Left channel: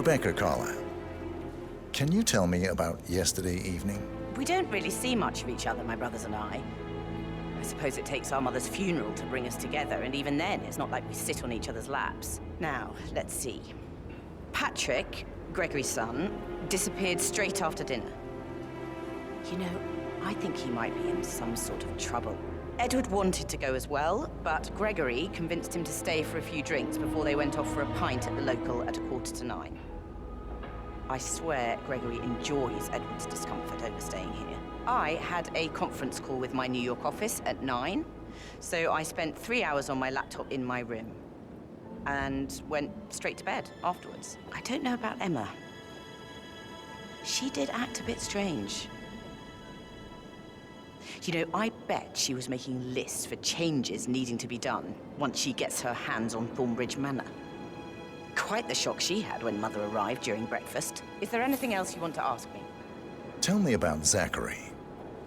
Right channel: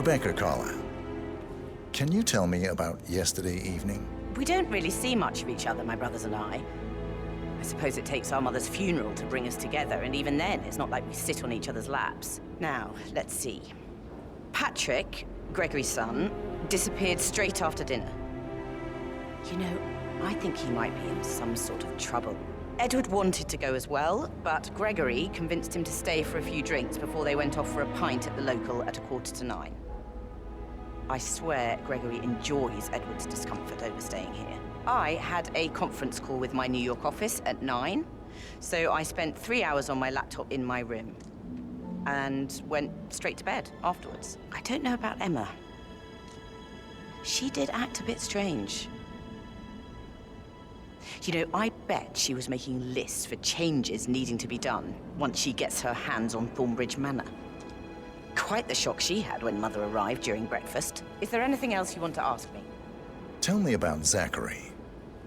Rebecca Carlyle, can you tell me about yesterday evening? We don't really see much of each other, my brothers and I. I suppose it takes our mother's funeral to bring us together, and even then, it's not like we sit on each other's laps. Now, let's see. Patrick, Gregory's son, disappeared straight after dinner. You know, I think he might be in some sort of trouble. Edward wanted to go as well, but Gregory convinced him to stay for a few drinks before they went off for a pint at the local at 9:15. I swear Gregory enjoys Edward's discomfort over staying here. I had a conference call with my New York office at 9, so I spent 3 hours on my laptop in my room and went straight to bed afterwards. I don't know about Emma. She did act a bit strange. You know, I bet she was making lists for changes needing to be done once she gets her hands on Thornbridge Manor. Quite the shock she had when Mother arrived during breakfast. Is there anything else you want to ask me? Tell me about Zachary.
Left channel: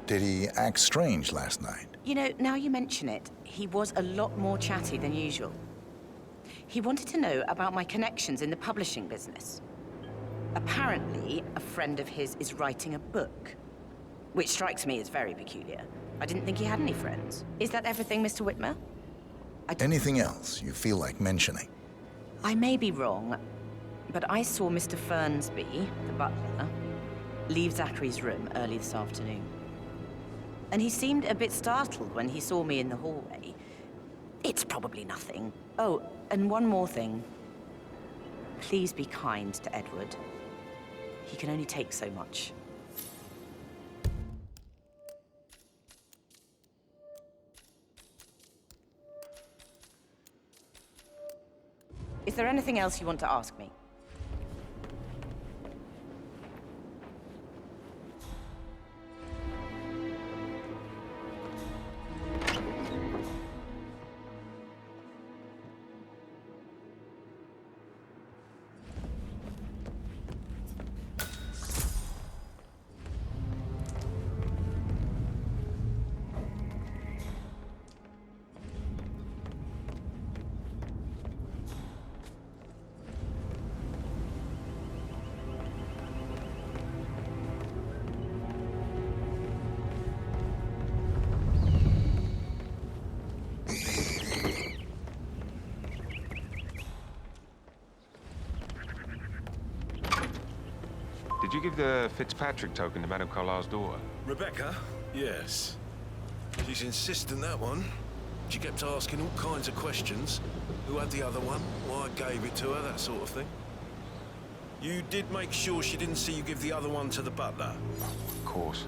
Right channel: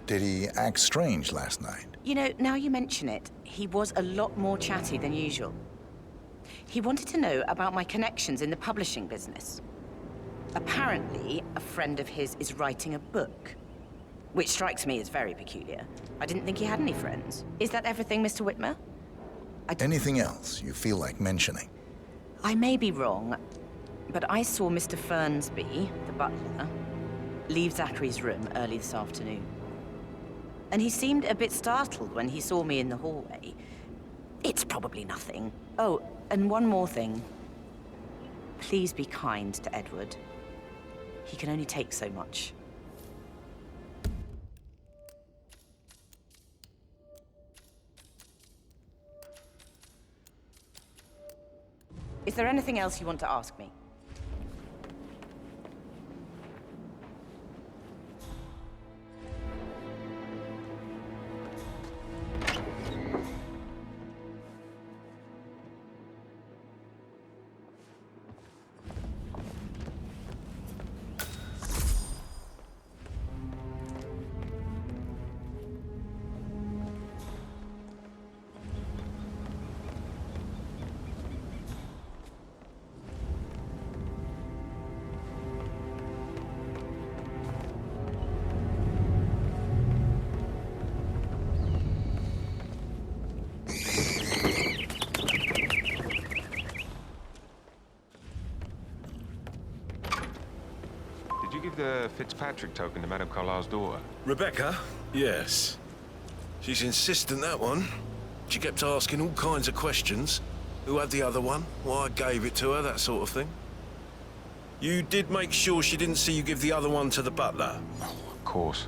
Did he act strange last night? You know, now you mention it, he was a lot more chatty than usual. He wanted to know about my connections in the publishing business. Apparently, a friend of his is writing a book, which strikes me as very peculiar. I didn't think he had any friends. Is that everything, Mr. Whitmer? Anything else you feel like mentioning? I may be wrong, but I saw Mr. Fernsby, the butler, leave Zachary's room early this afternoon. And he seemed a bit startled when he saw me in the hallway. It's probably nothing. Oh, and one more thing. Please be kind to Edward. He can only take so much. Is there anything else you want to ask me? Did you give the Fitzpatrick token to Madame Carlyle's daughter? Rebecca? Yes. She's insistent, that one. She kept asking all kinds of questions. Who had the other one? Why I gave it to her, that sort of thing. You did make sure she didn't see you give the other one to the butler? Oh, of course.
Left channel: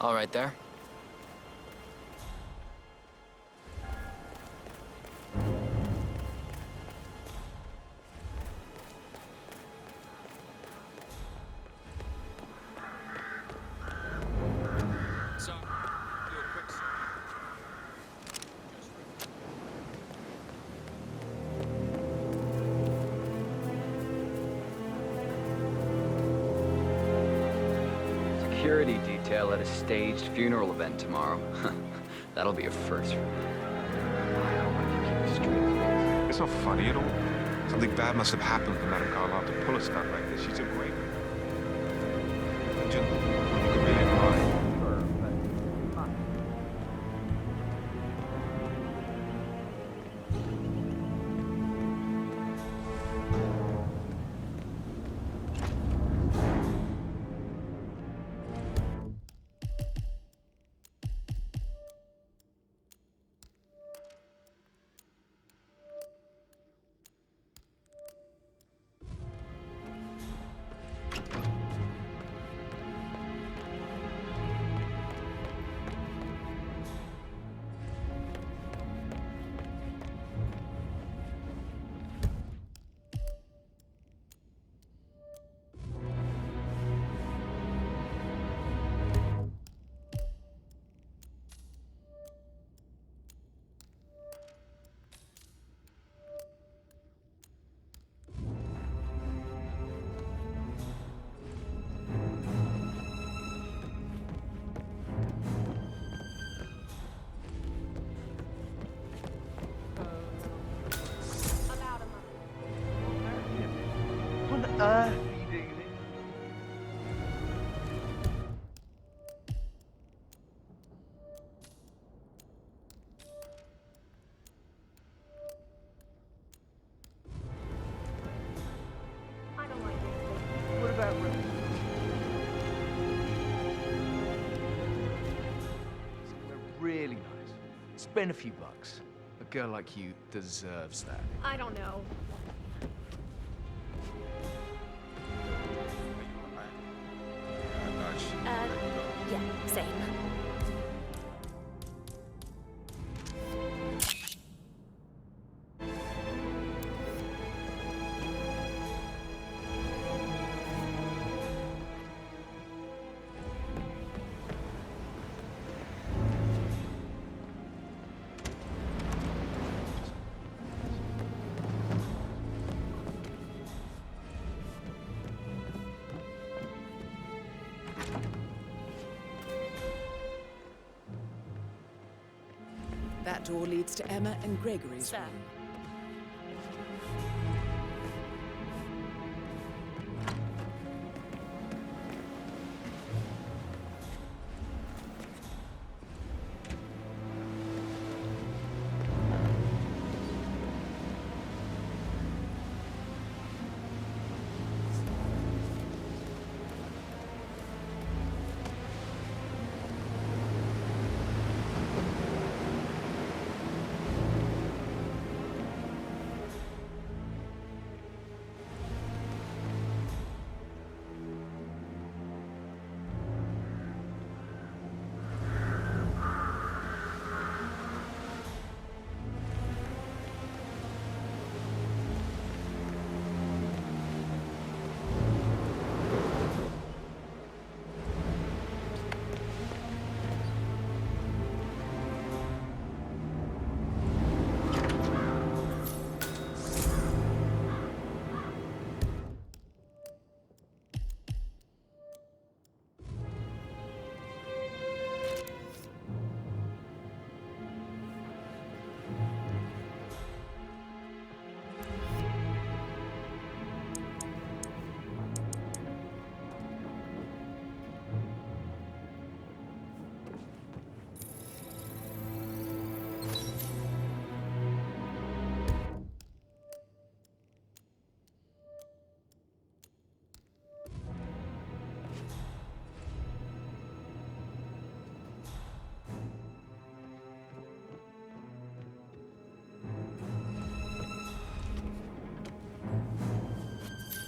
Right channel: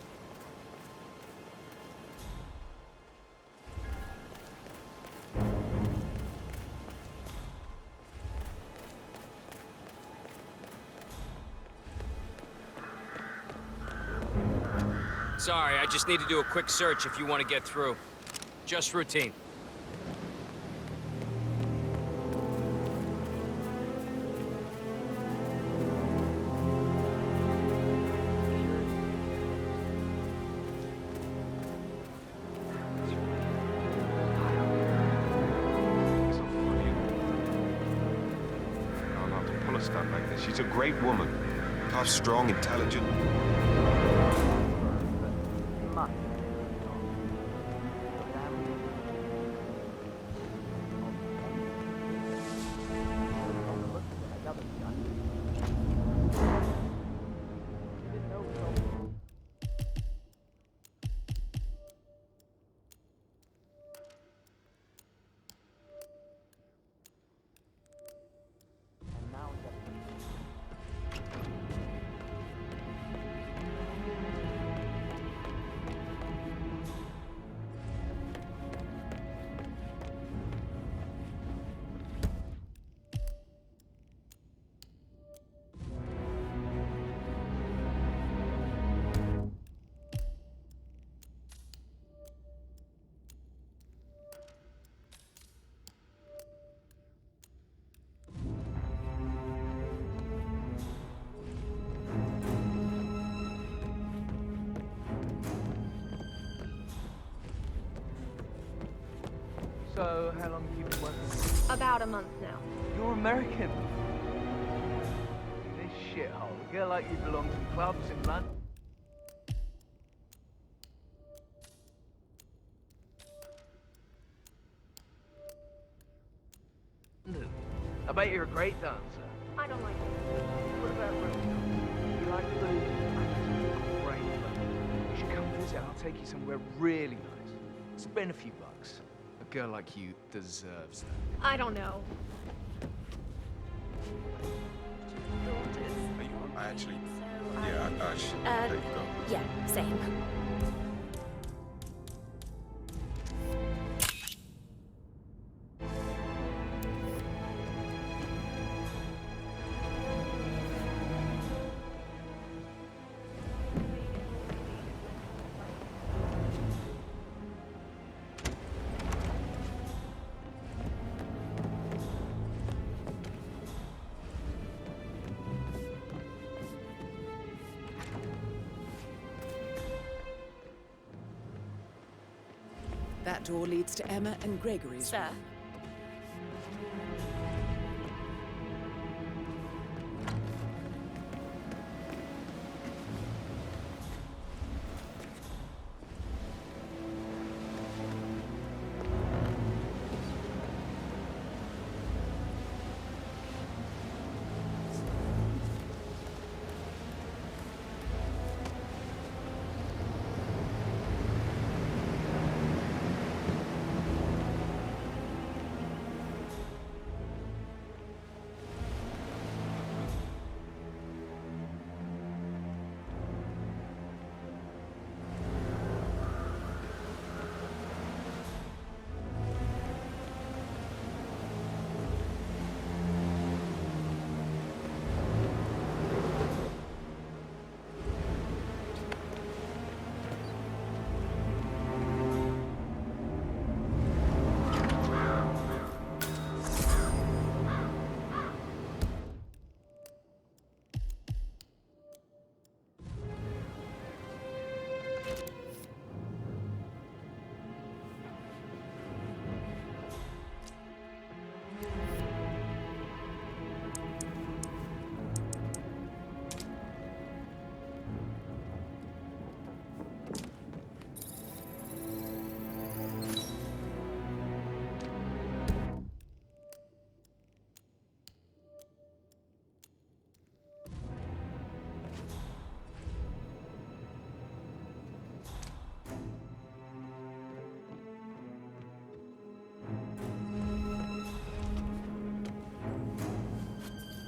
All right there. Sorry, I just need to do a quick search if you want to get through. Just routine. Security detail at a staged funeral event tomorrow. That'll be a first for me. I hope I can keep straight. not funny at all. Something bad must have happened to Madame Carlyle to pull a stunt like this. She's a great woman. Tough, strong, intelligent. You could really admire. Sure, but you must. So, how long have you been working? About a month now. You're American. What on earth are you doing in this shithole? A girl like you belongs to clubs in London. I bet you're a great dancer. I don't like it. What about Rome? You like food? Great. You should come visit. I'll take you somewhere really nice. Spend a few bucks. A girl like you deserves that. I don't know. Are you on? Actually, yeah, I should let you go. Yeah, same. That door leads to Emma and Gregory's Sir. room.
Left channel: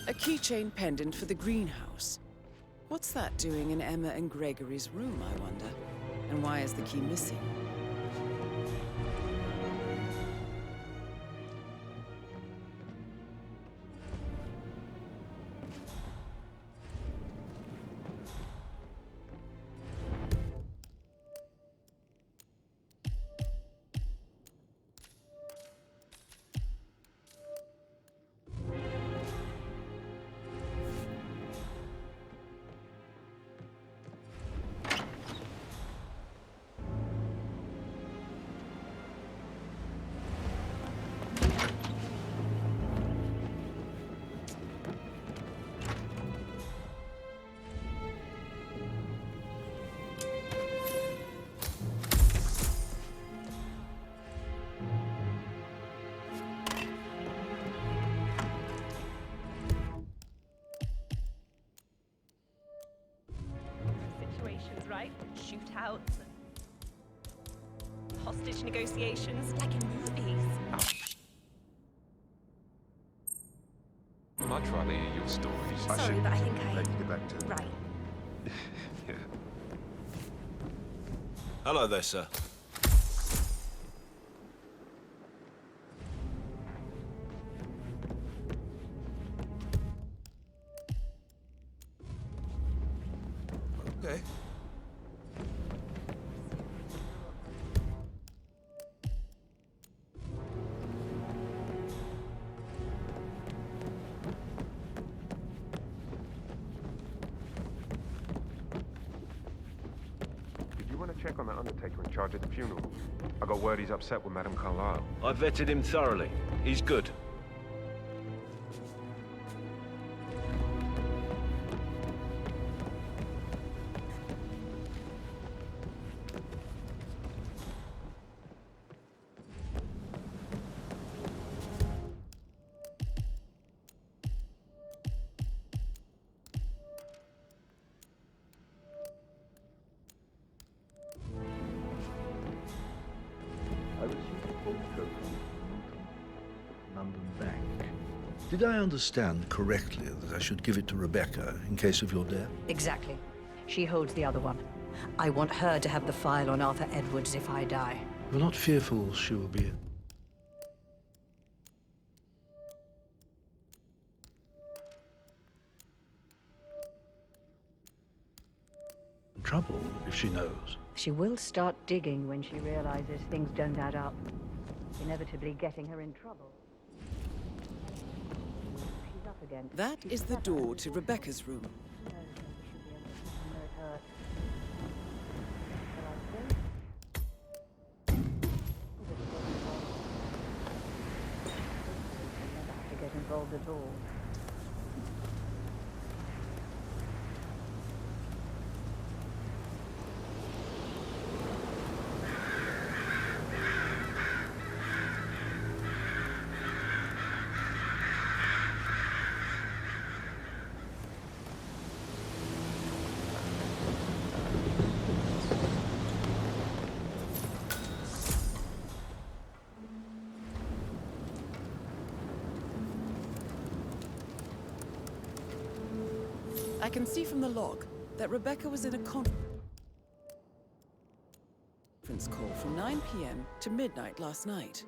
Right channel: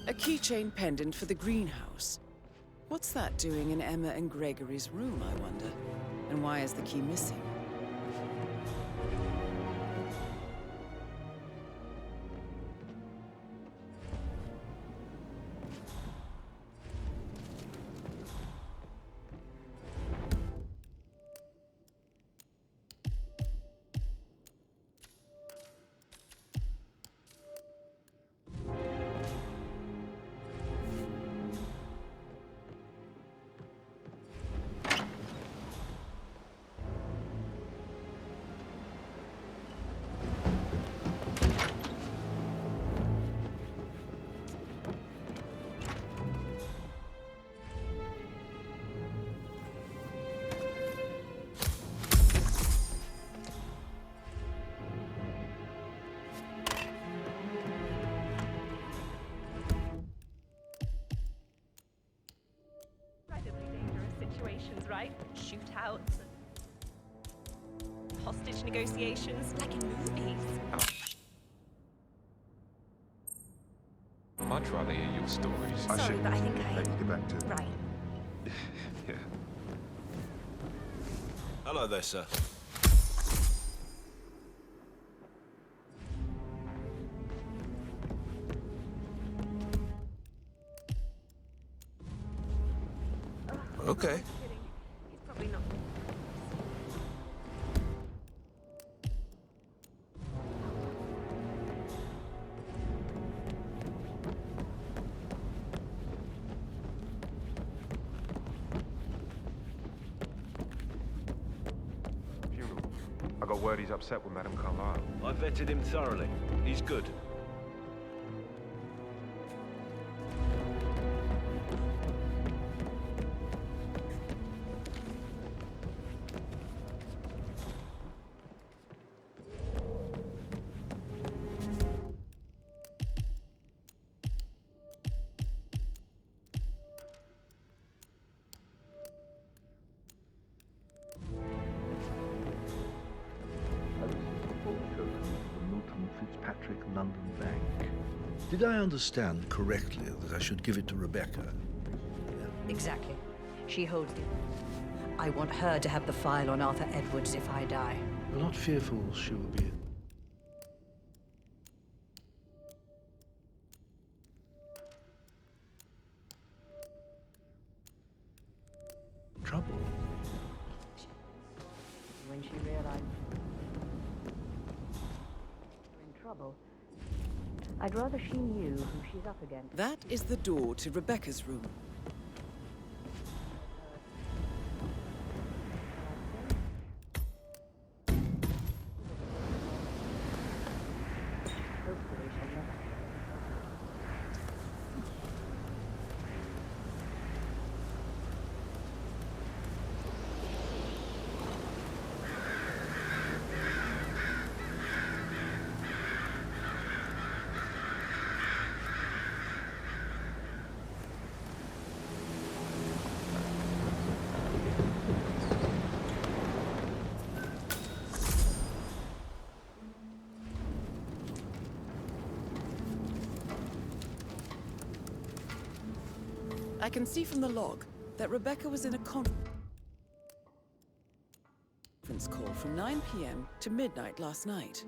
A keychain pendant for the greenhouse. What's that doing in Emma and Gregory's room, I wonder? And why is the key missing? situations, right? Shootouts, and hostage negotiations, like in movies. I'd much rather hear your stories. Sorry, but I think I... Let you get back to... Right. Yeah. Hello there, sir. Okay. Probably not. You want to check on that undertaker in charge of the funeral? I got word he's upset with Madame Carlyle. I vetted him thoroughly. He's good. I received a phone token from the Milton Fitzpatrick London Bank. Did I understand correctly that I should give it to Rebecca in case of your death? Exactly. She holds the other one. I want her to have the file on Arthur Edwards if I die. You're not fearful she will be in trouble if she knows? She will start digging when she realizes things don't add up, inevitably getting her in trouble. I'd rather she knew who she's up against. That is the door to Rebecca's room. Hopefully she'll never have to get involved at all. I can see from the log that Rebecca was in a conference call from 9 p.m. to midnight last night.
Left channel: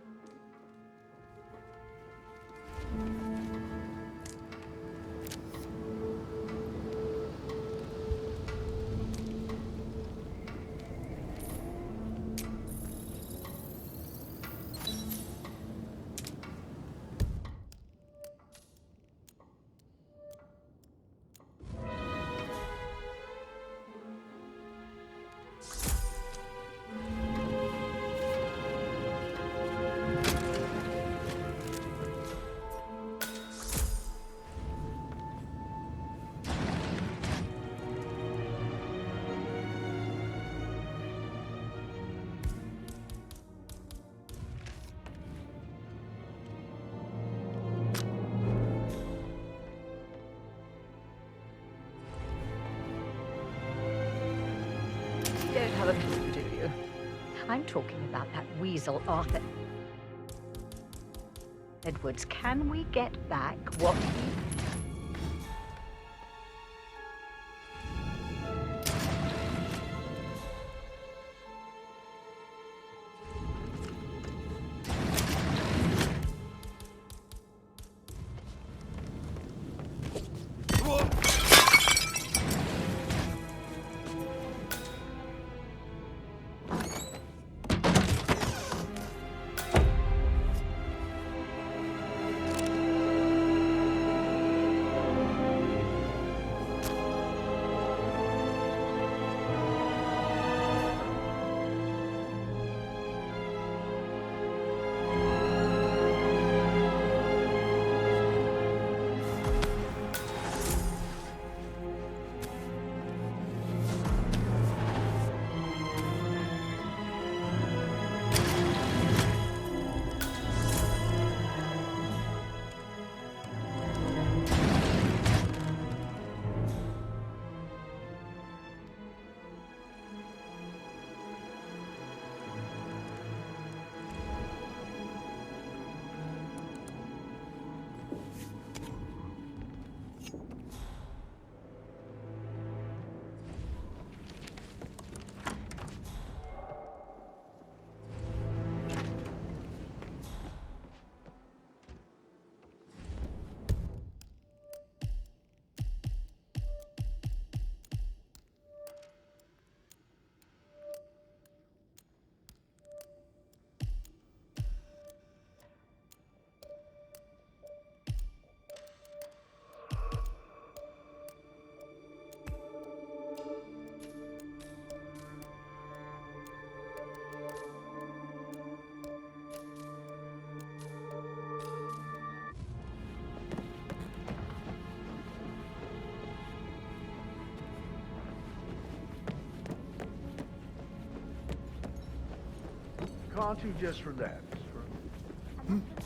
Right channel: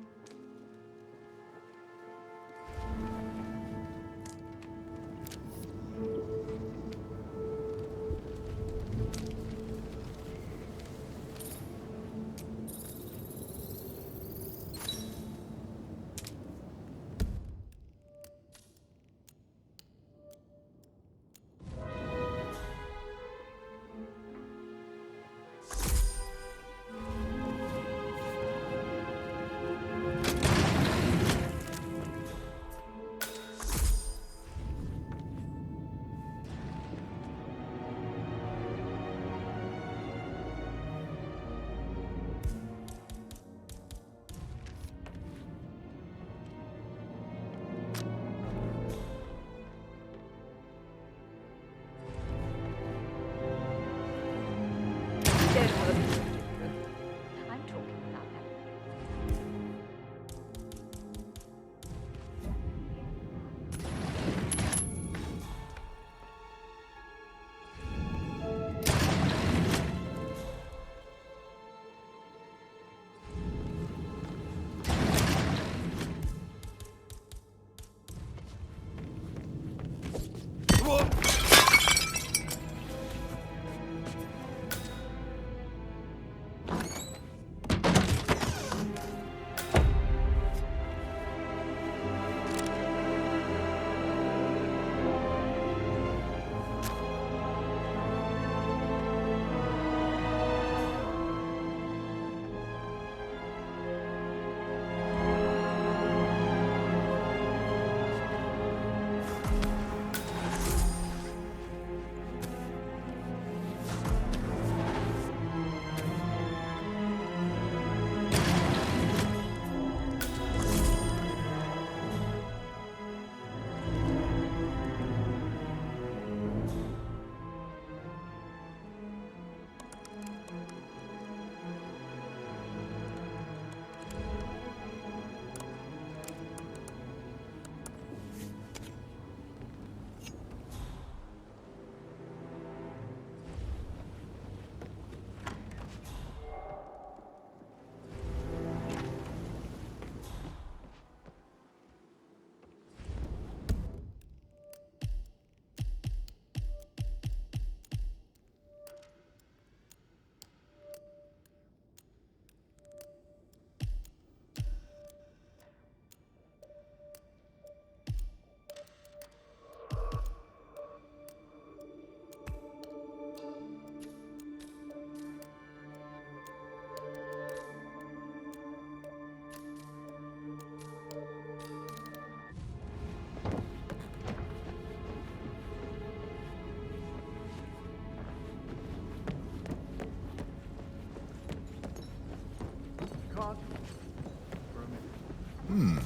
You don't have a clue, do you? I'm talking about that weasel Arthur Edwards. Can we get back what... can't you just relax for a minute?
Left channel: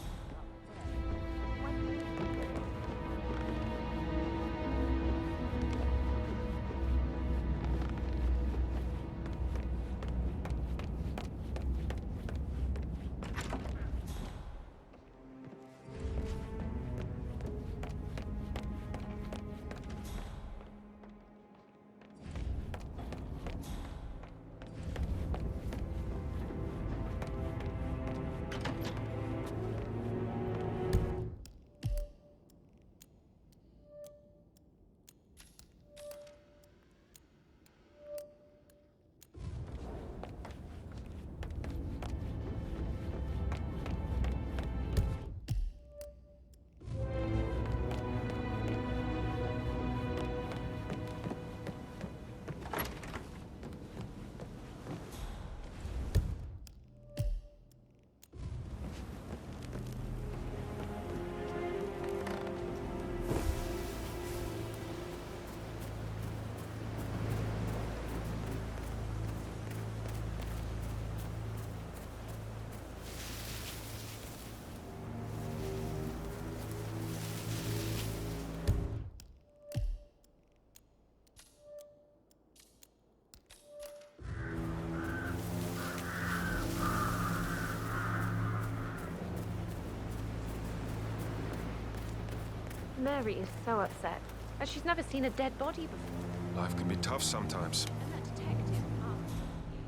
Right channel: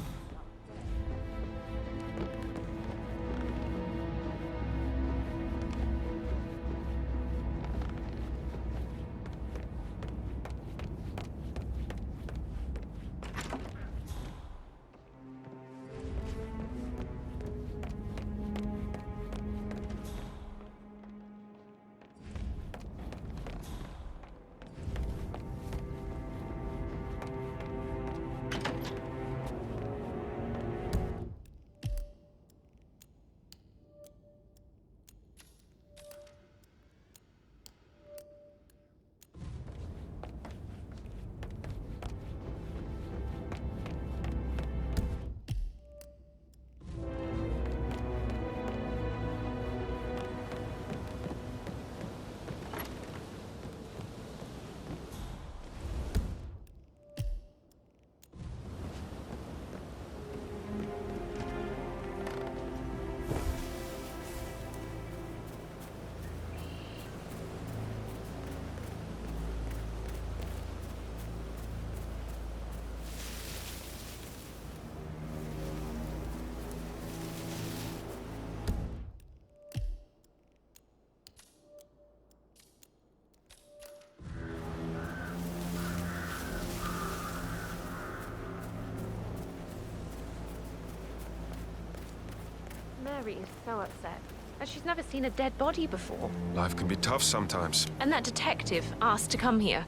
Mary is so upset. And she's never seen a dead body before. Life can be tough sometimes. And that detective asked to come here.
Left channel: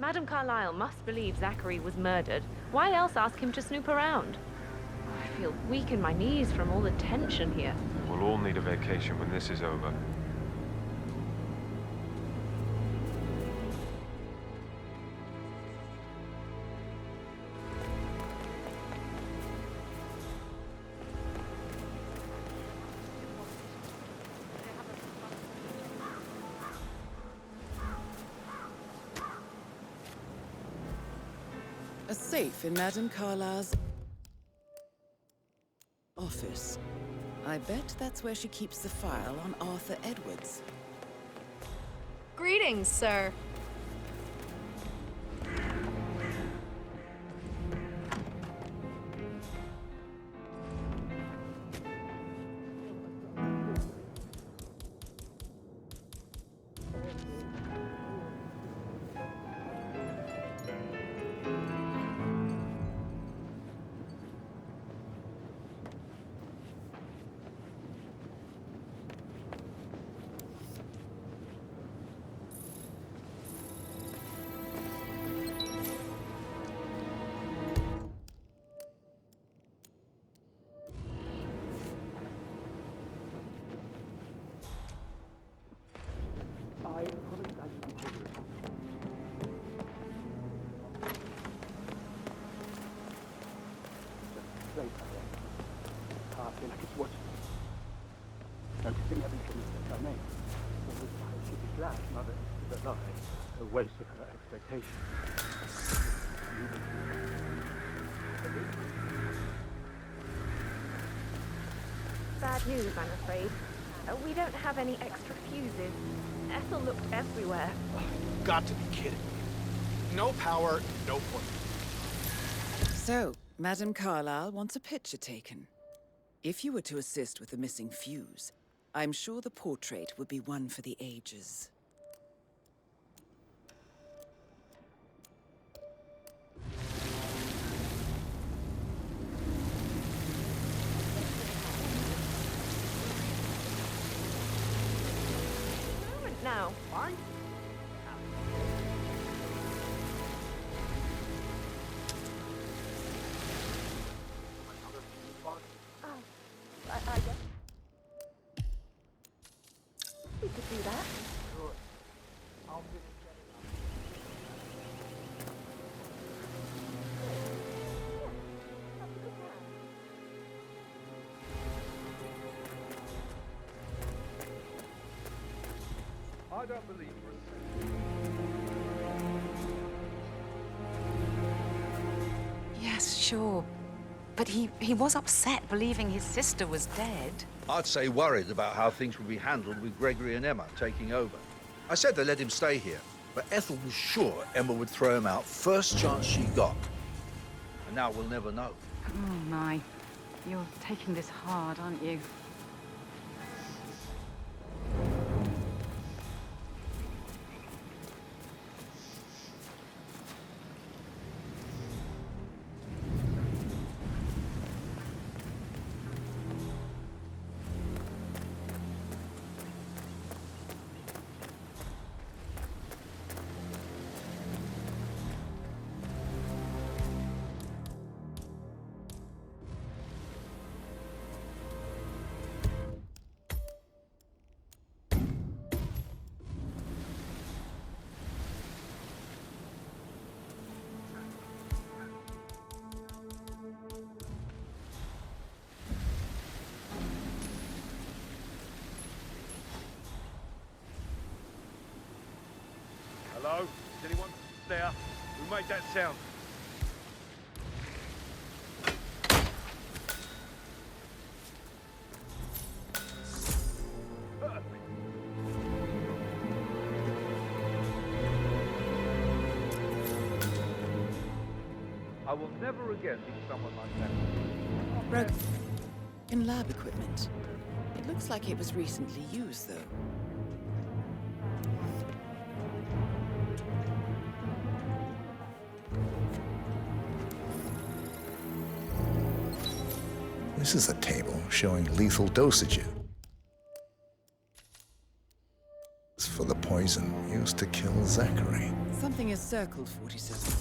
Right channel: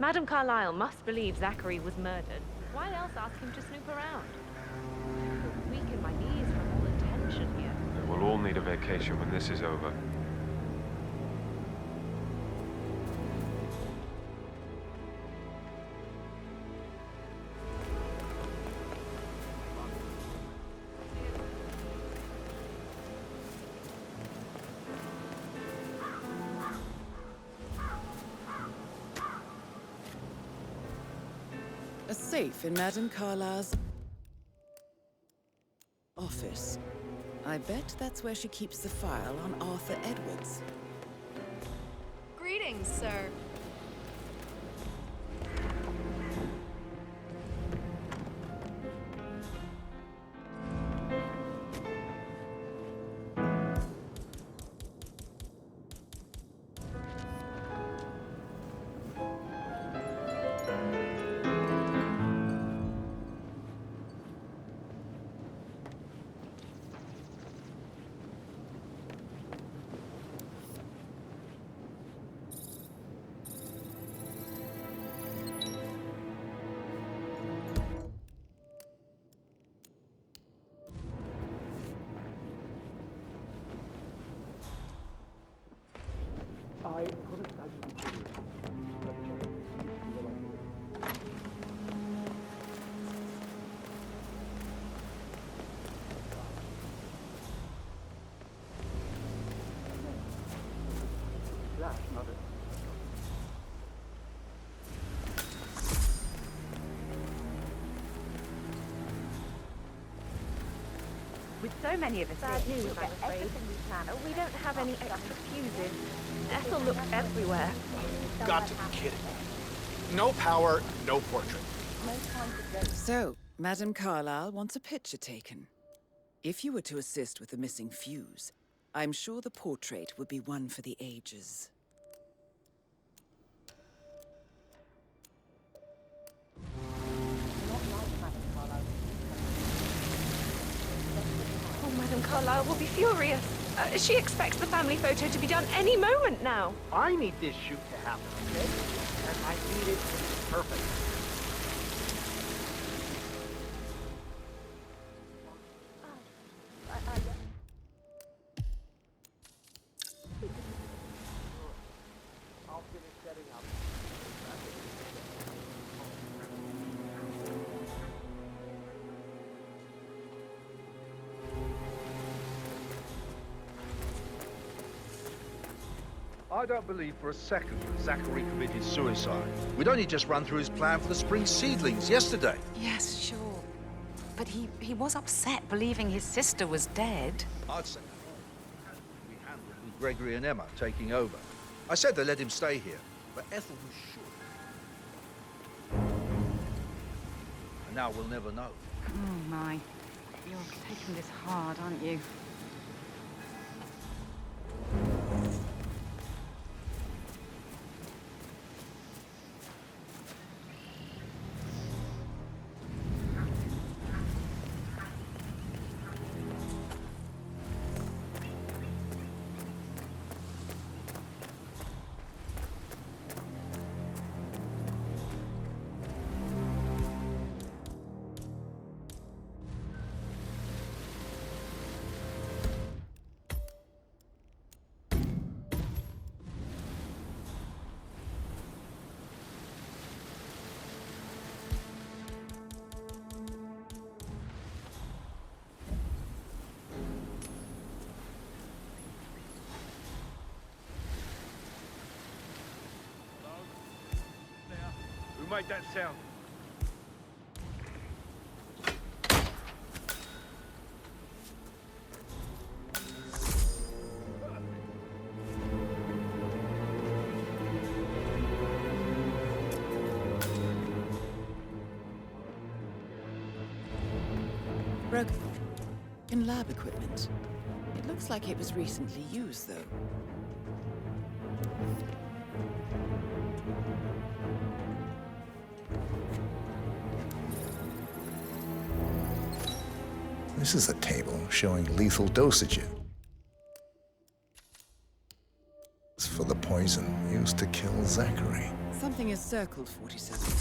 Madame Carlyle must believe Zachary was murdered. Why else ask him to snoop around? I feel weak in my knees from all the tension here. We'll all need a vacation when this is over. A safe in Madame Carlyle's office. I bet that's where she keeps the file on Arthur Edwards. Greetings, sir. Bad news, I'm afraid. We don't have any extra fuses. Ethel looked everywhere. Got to be kidding. No power, no portrait. So, Madame Carlyle wants a picture taken. If you were to assist with the missing fuse, I'm sure the portrait would be one for the ages. Madame Carlyle will be furious. She expects the family photo to be done any moment now. I need this shoot to happen, okay? And I need it perfect. I guess we could do that. Good. I'll finish setting up. I don't believe for a second that Zachary committed suicide. We'd only just run through his plan for the spring seedlings yesterday. Yes, sure. But he was upset believing his sister was dead. I'd say worried about how things would be handled with Gregory and Emma taking over. I said they let him stay here. But Ethel was sure Emma would throw him out first chance she got. And now we'll never know. Oh, my. You're taking this hard, aren't you? Hello? Is anyone there? Who made that sound? I will never again meet someone like that. Broken lab equipment. It looks like it was recently used, though. This is a table showing lethal dosages for the poison used to kill Zachary. Something is circled 47.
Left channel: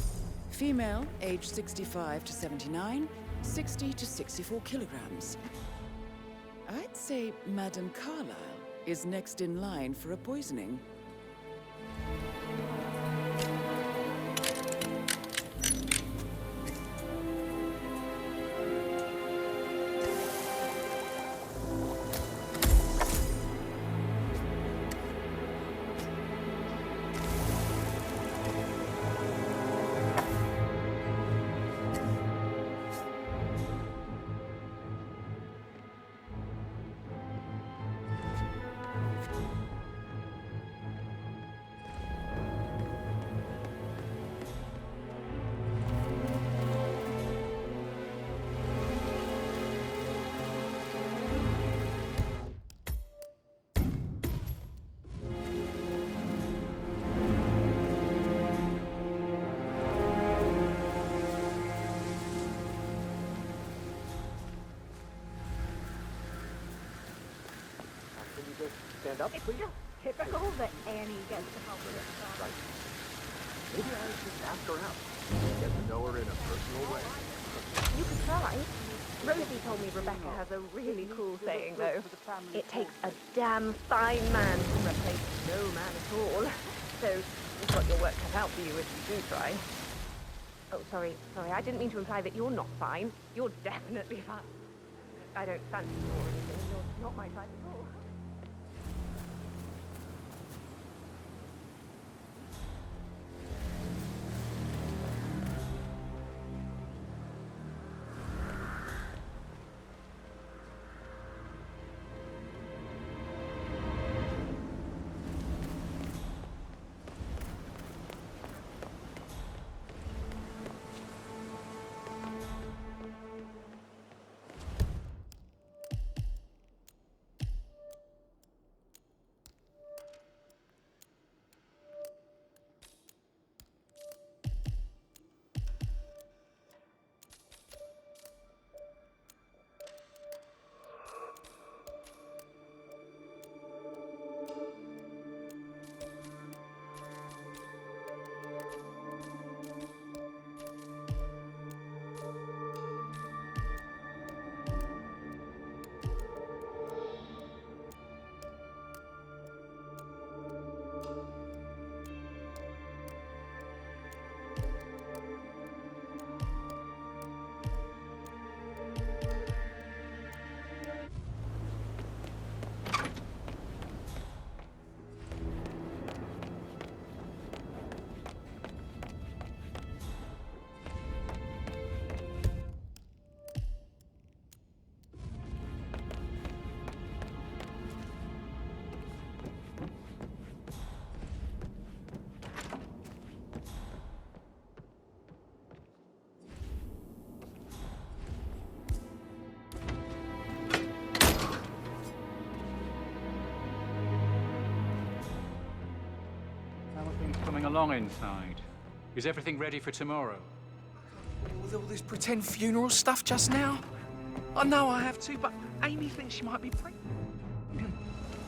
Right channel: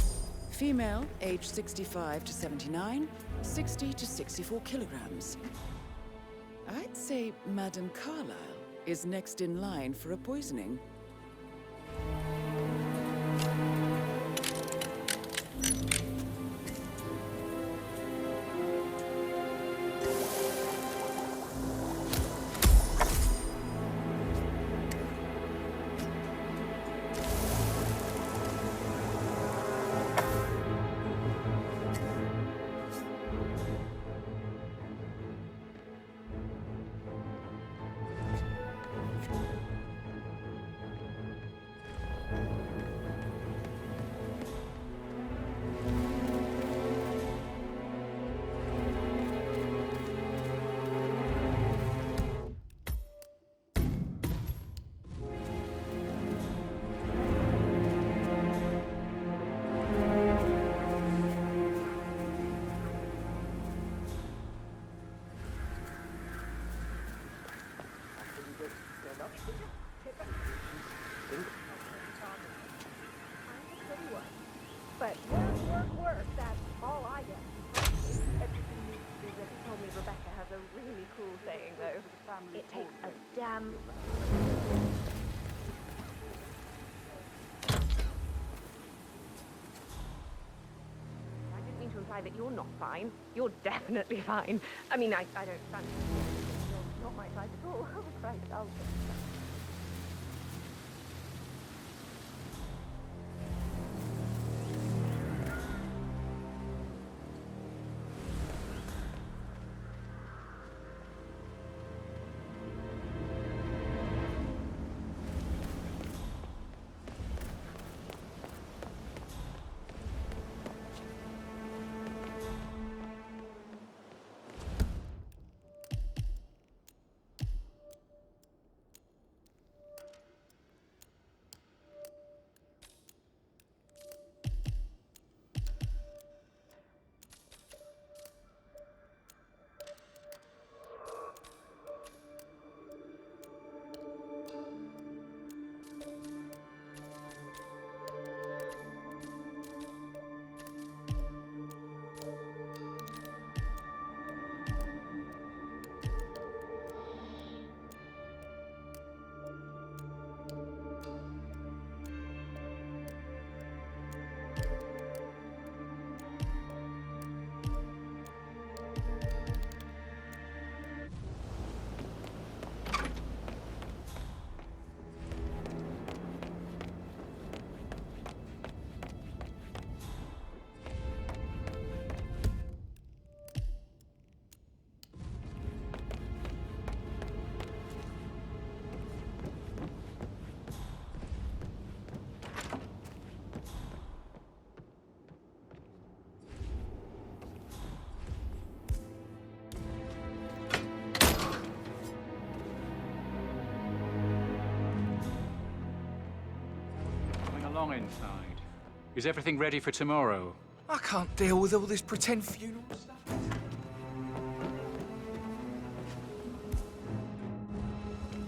Female, age 65 to 79, 60 to 64 kilograms. I'd say Madame Carlyle is next in line for a poisoning. Stand up, please. Tip back a little bit, and you get the help with it. All I get. You can try. Rosie told me Rebecca has a really cool saying, though. It takes a damn fine man to replace no man at all. So you've got your work cut out for you if you do try. Oh, sorry. I didn't mean to imply that you're not fine. You're definitely fine. I mean, I don't fancy you or anything. You're not my type at all. Right, along inside? Is everything ready for tomorrow? I can't deal with all this pretend funeral stuff just now. I know I have to, but Amy thinks she might be pregnant.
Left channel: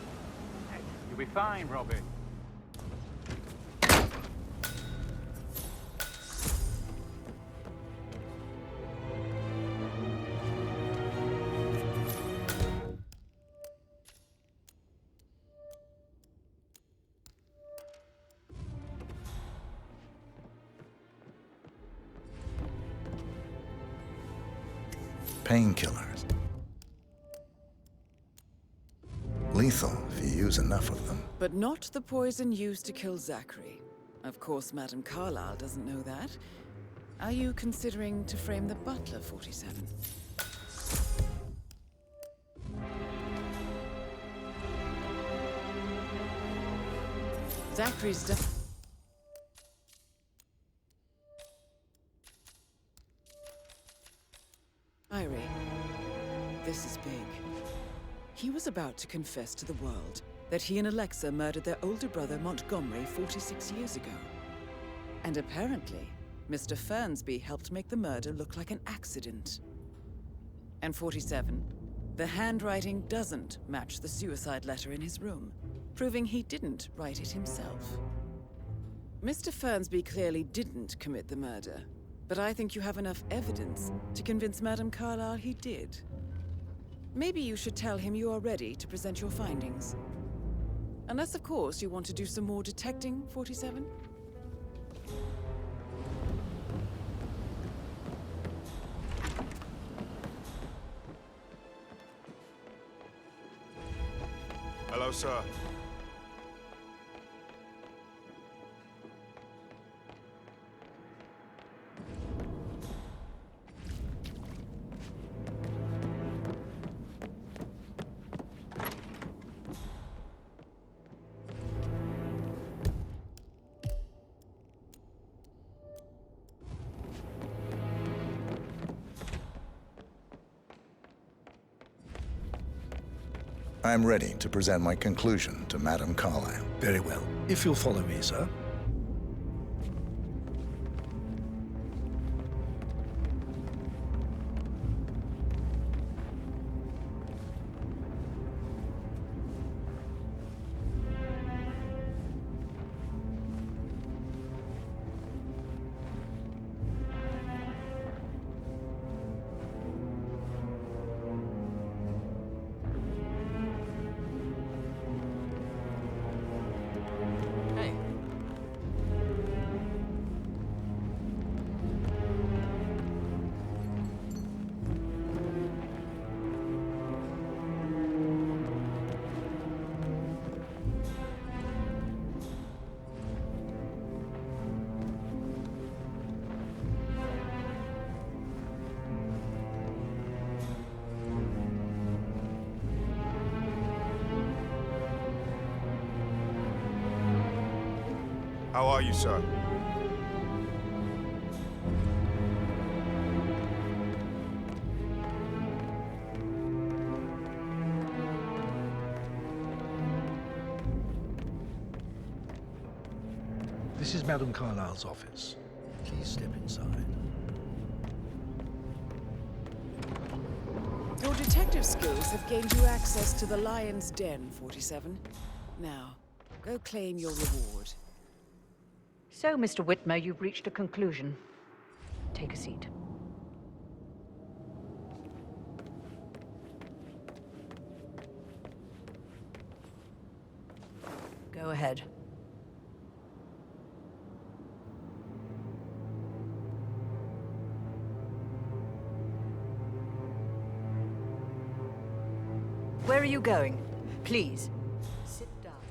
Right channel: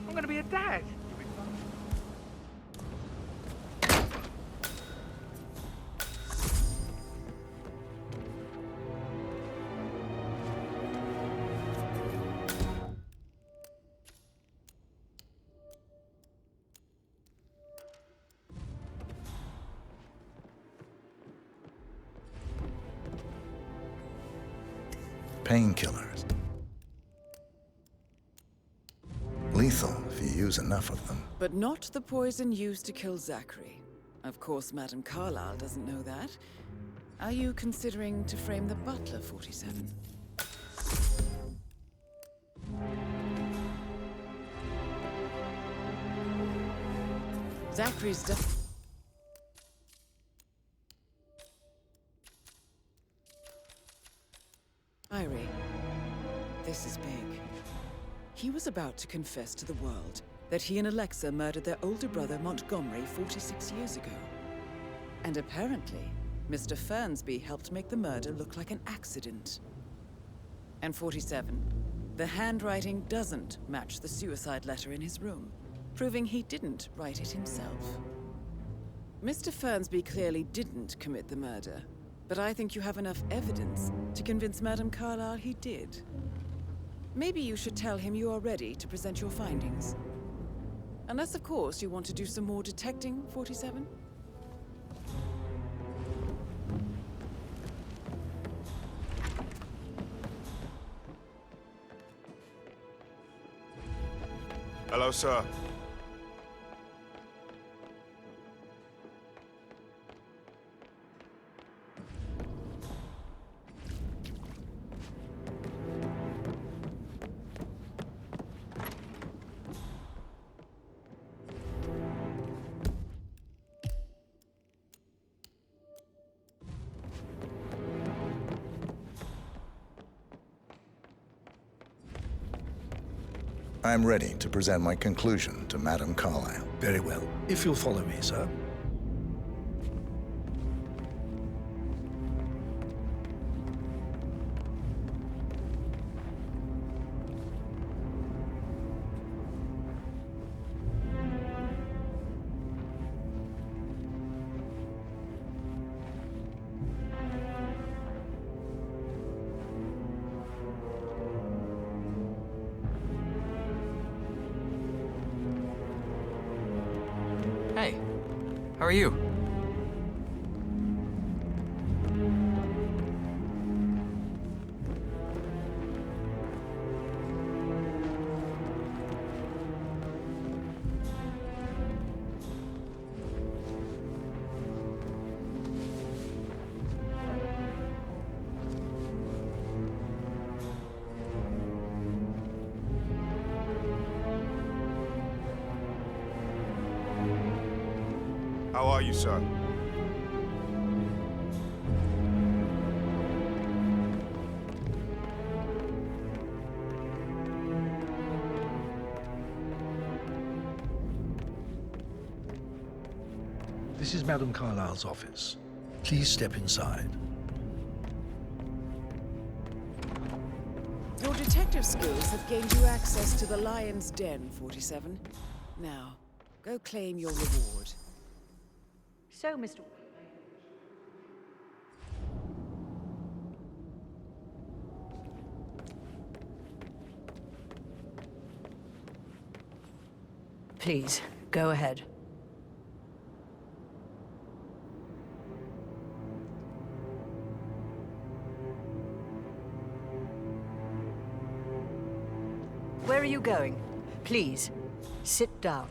I'm gonna be a dad. You'll be fine, Robbie. Painkillers. Lethal if you use enough of them. But not the poison used to kill Zachary. Of course, Madame Carlyle doesn't know that. Are you considering to frame the butler, 47? Zachary's diary. This is big. He was about to confess to the world that he and Alexa murdered their older brother Montgomery 46 years ago. And apparently, Mr. Fernsby helped make the murder look like an accident. And 47, the handwriting doesn't match the suicide letter in his room, proving he didn't write it himself. Mr. Fernsby clearly didn't commit the murder, but I think you have enough evidence to convince Madame Carlyle he did. Maybe you should tell him you are ready to present your findings. Unless, of course, you want to do some more detecting, 47? Hello, sir. I'm ready to present my conclusion to Madame Carlyle. Very well. If you'll follow me, sir. Hey, how are you? How are you, sir? This is Madame Carlyle's office. Please step inside. Your detective skills have gained you access to the Lion's Den, 47. Now, go claim your reward. So, Mr. Whitmer, you've reached a conclusion. Take a seat. Please, go ahead. Where are you going? Please, sit down.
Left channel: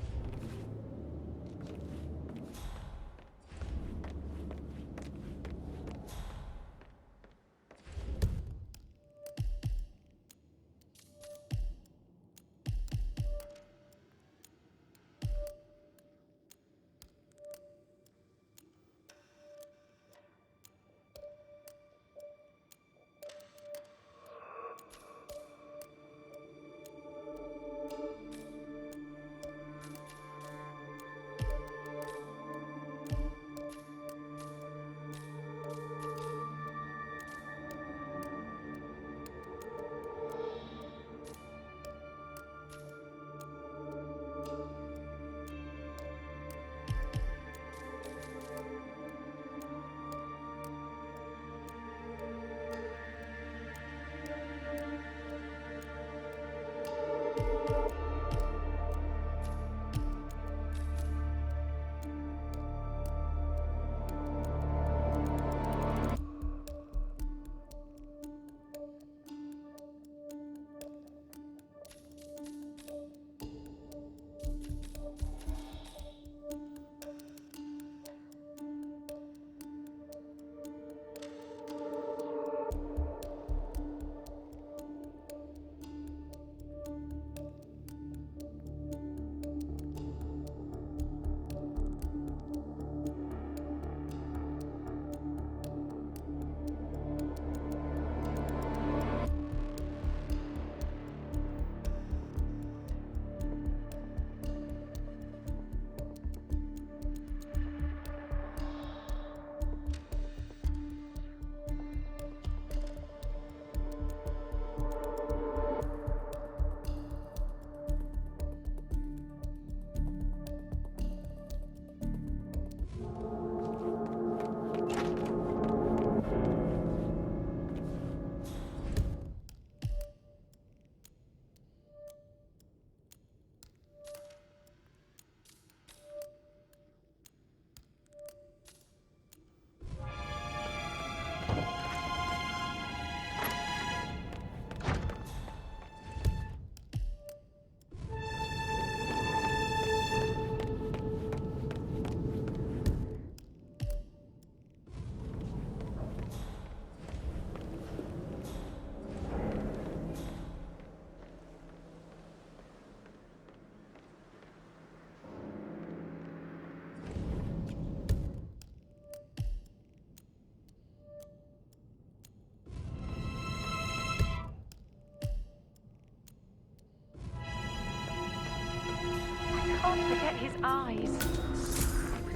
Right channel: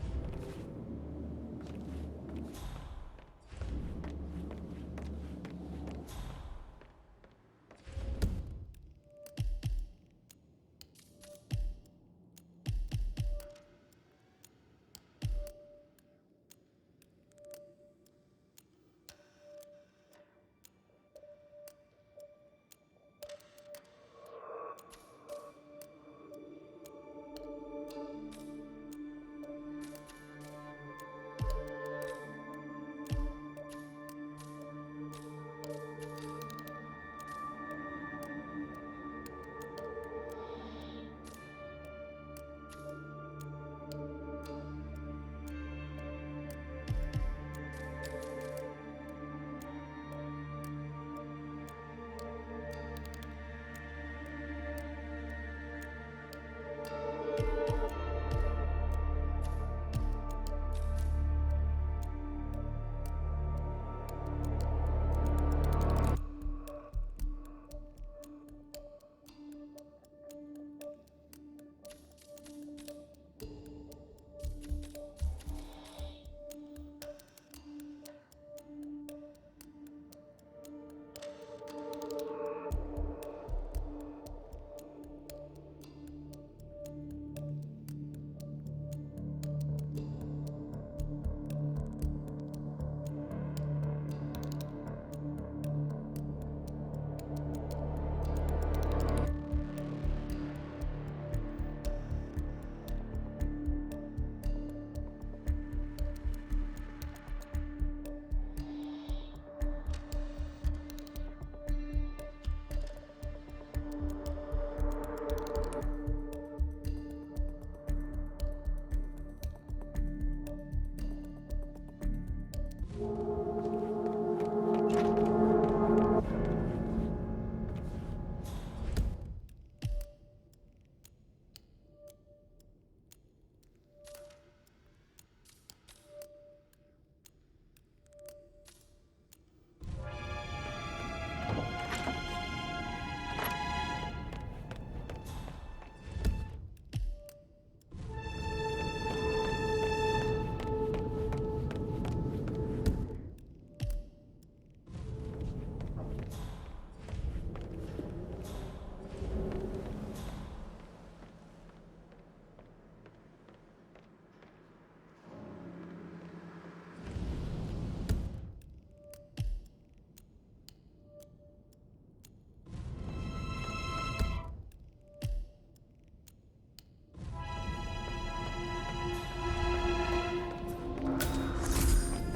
Can't forget his eyes.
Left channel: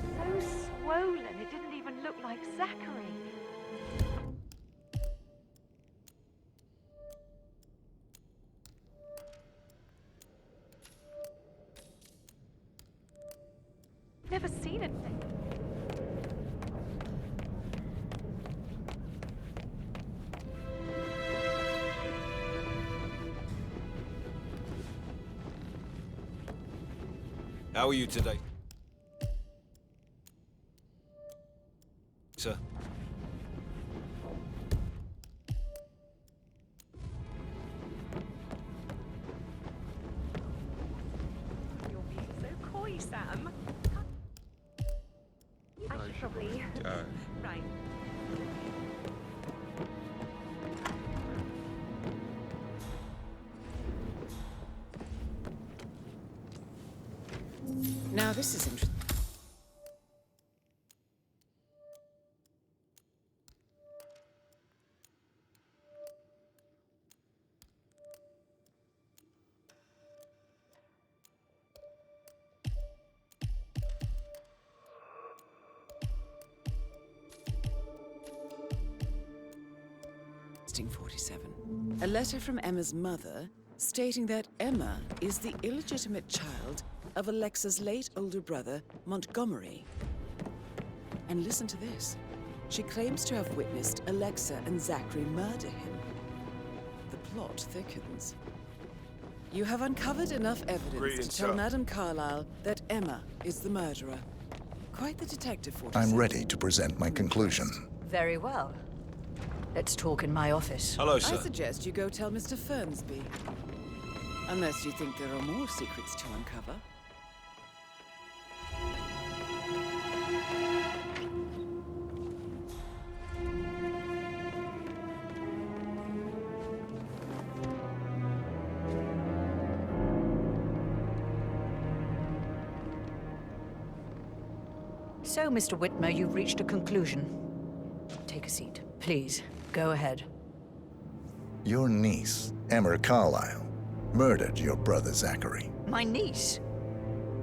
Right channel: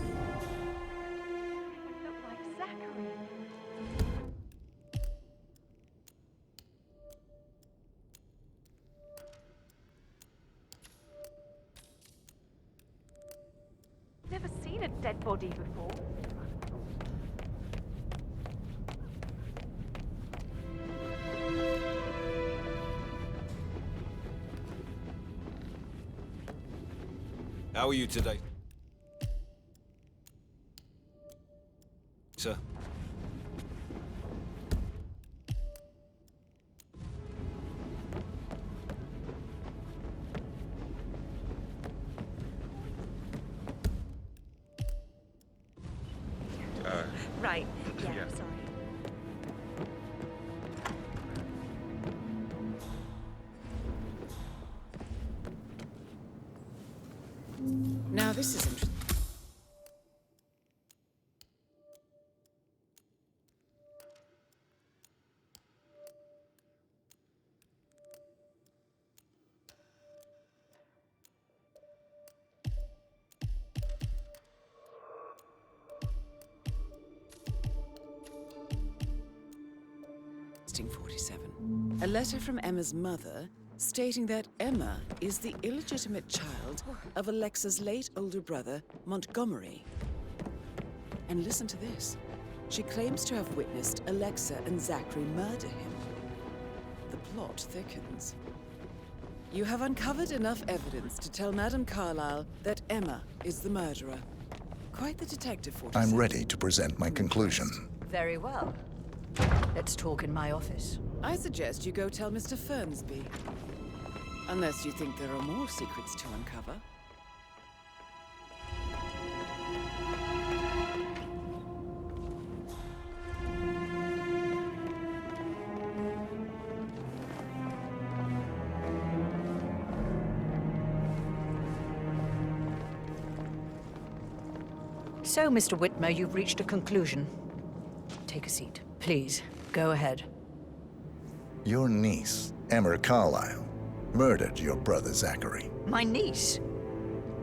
So swollen, it didn't even look like Zachary. Never seen a dead body before. How are you today? Sir? So coy, Sam. I should probably... Right. Yeah, sorry. Now this is interesting. Interesting 47. A letter from Emma's mother stating that Emma is the illegitimate child of Alexa's late older brother, Montgomery. And listen to this. She claims to have witnessed Alexa and Zachary murder him. The plot thickens. You have uncovered enough evidence to tell Madame Carlyle that Emma is the murderer. Quite the detective, 47. I'm ready to present my conclusion. Very well. Let's talk in my office. Hello, sir. I suggest you go tell Mr. Fernsby. Unless you think there are more secrets to uncover. So, Mr. Whitmer, you've reached a conclusion. Take a seat. Please, go ahead. Your niece, Emma Carlyle, murdered your brother Zachary. My niece?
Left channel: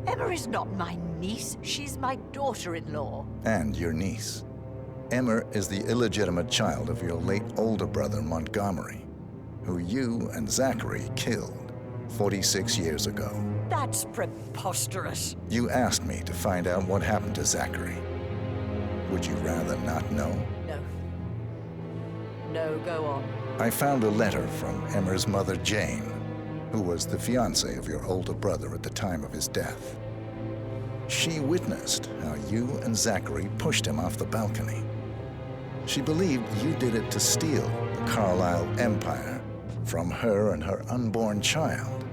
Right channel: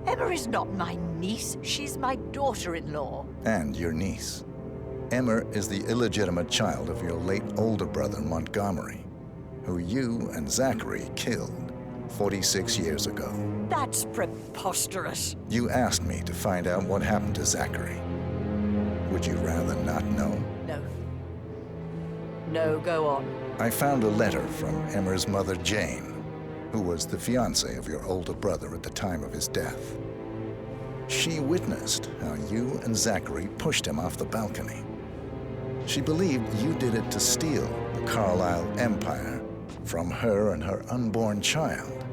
Emma is not my niece. She's my daughter-in-law. And your niece. Emma is the illegitimate child of your late older brother Montgomery, who you and Zachary killed 46 years ago. That's preposterous. You asked me to find out what happened to Zachary. Would you rather not know? No. No, go on. I found a letter from Emma's mother, Jane, who was the fiancée of your older brother at the time of his death. She witnessed how you and Zachary pushed him off the balcony. She believed you did it to steal the Carlyle empire from her and her unborn child.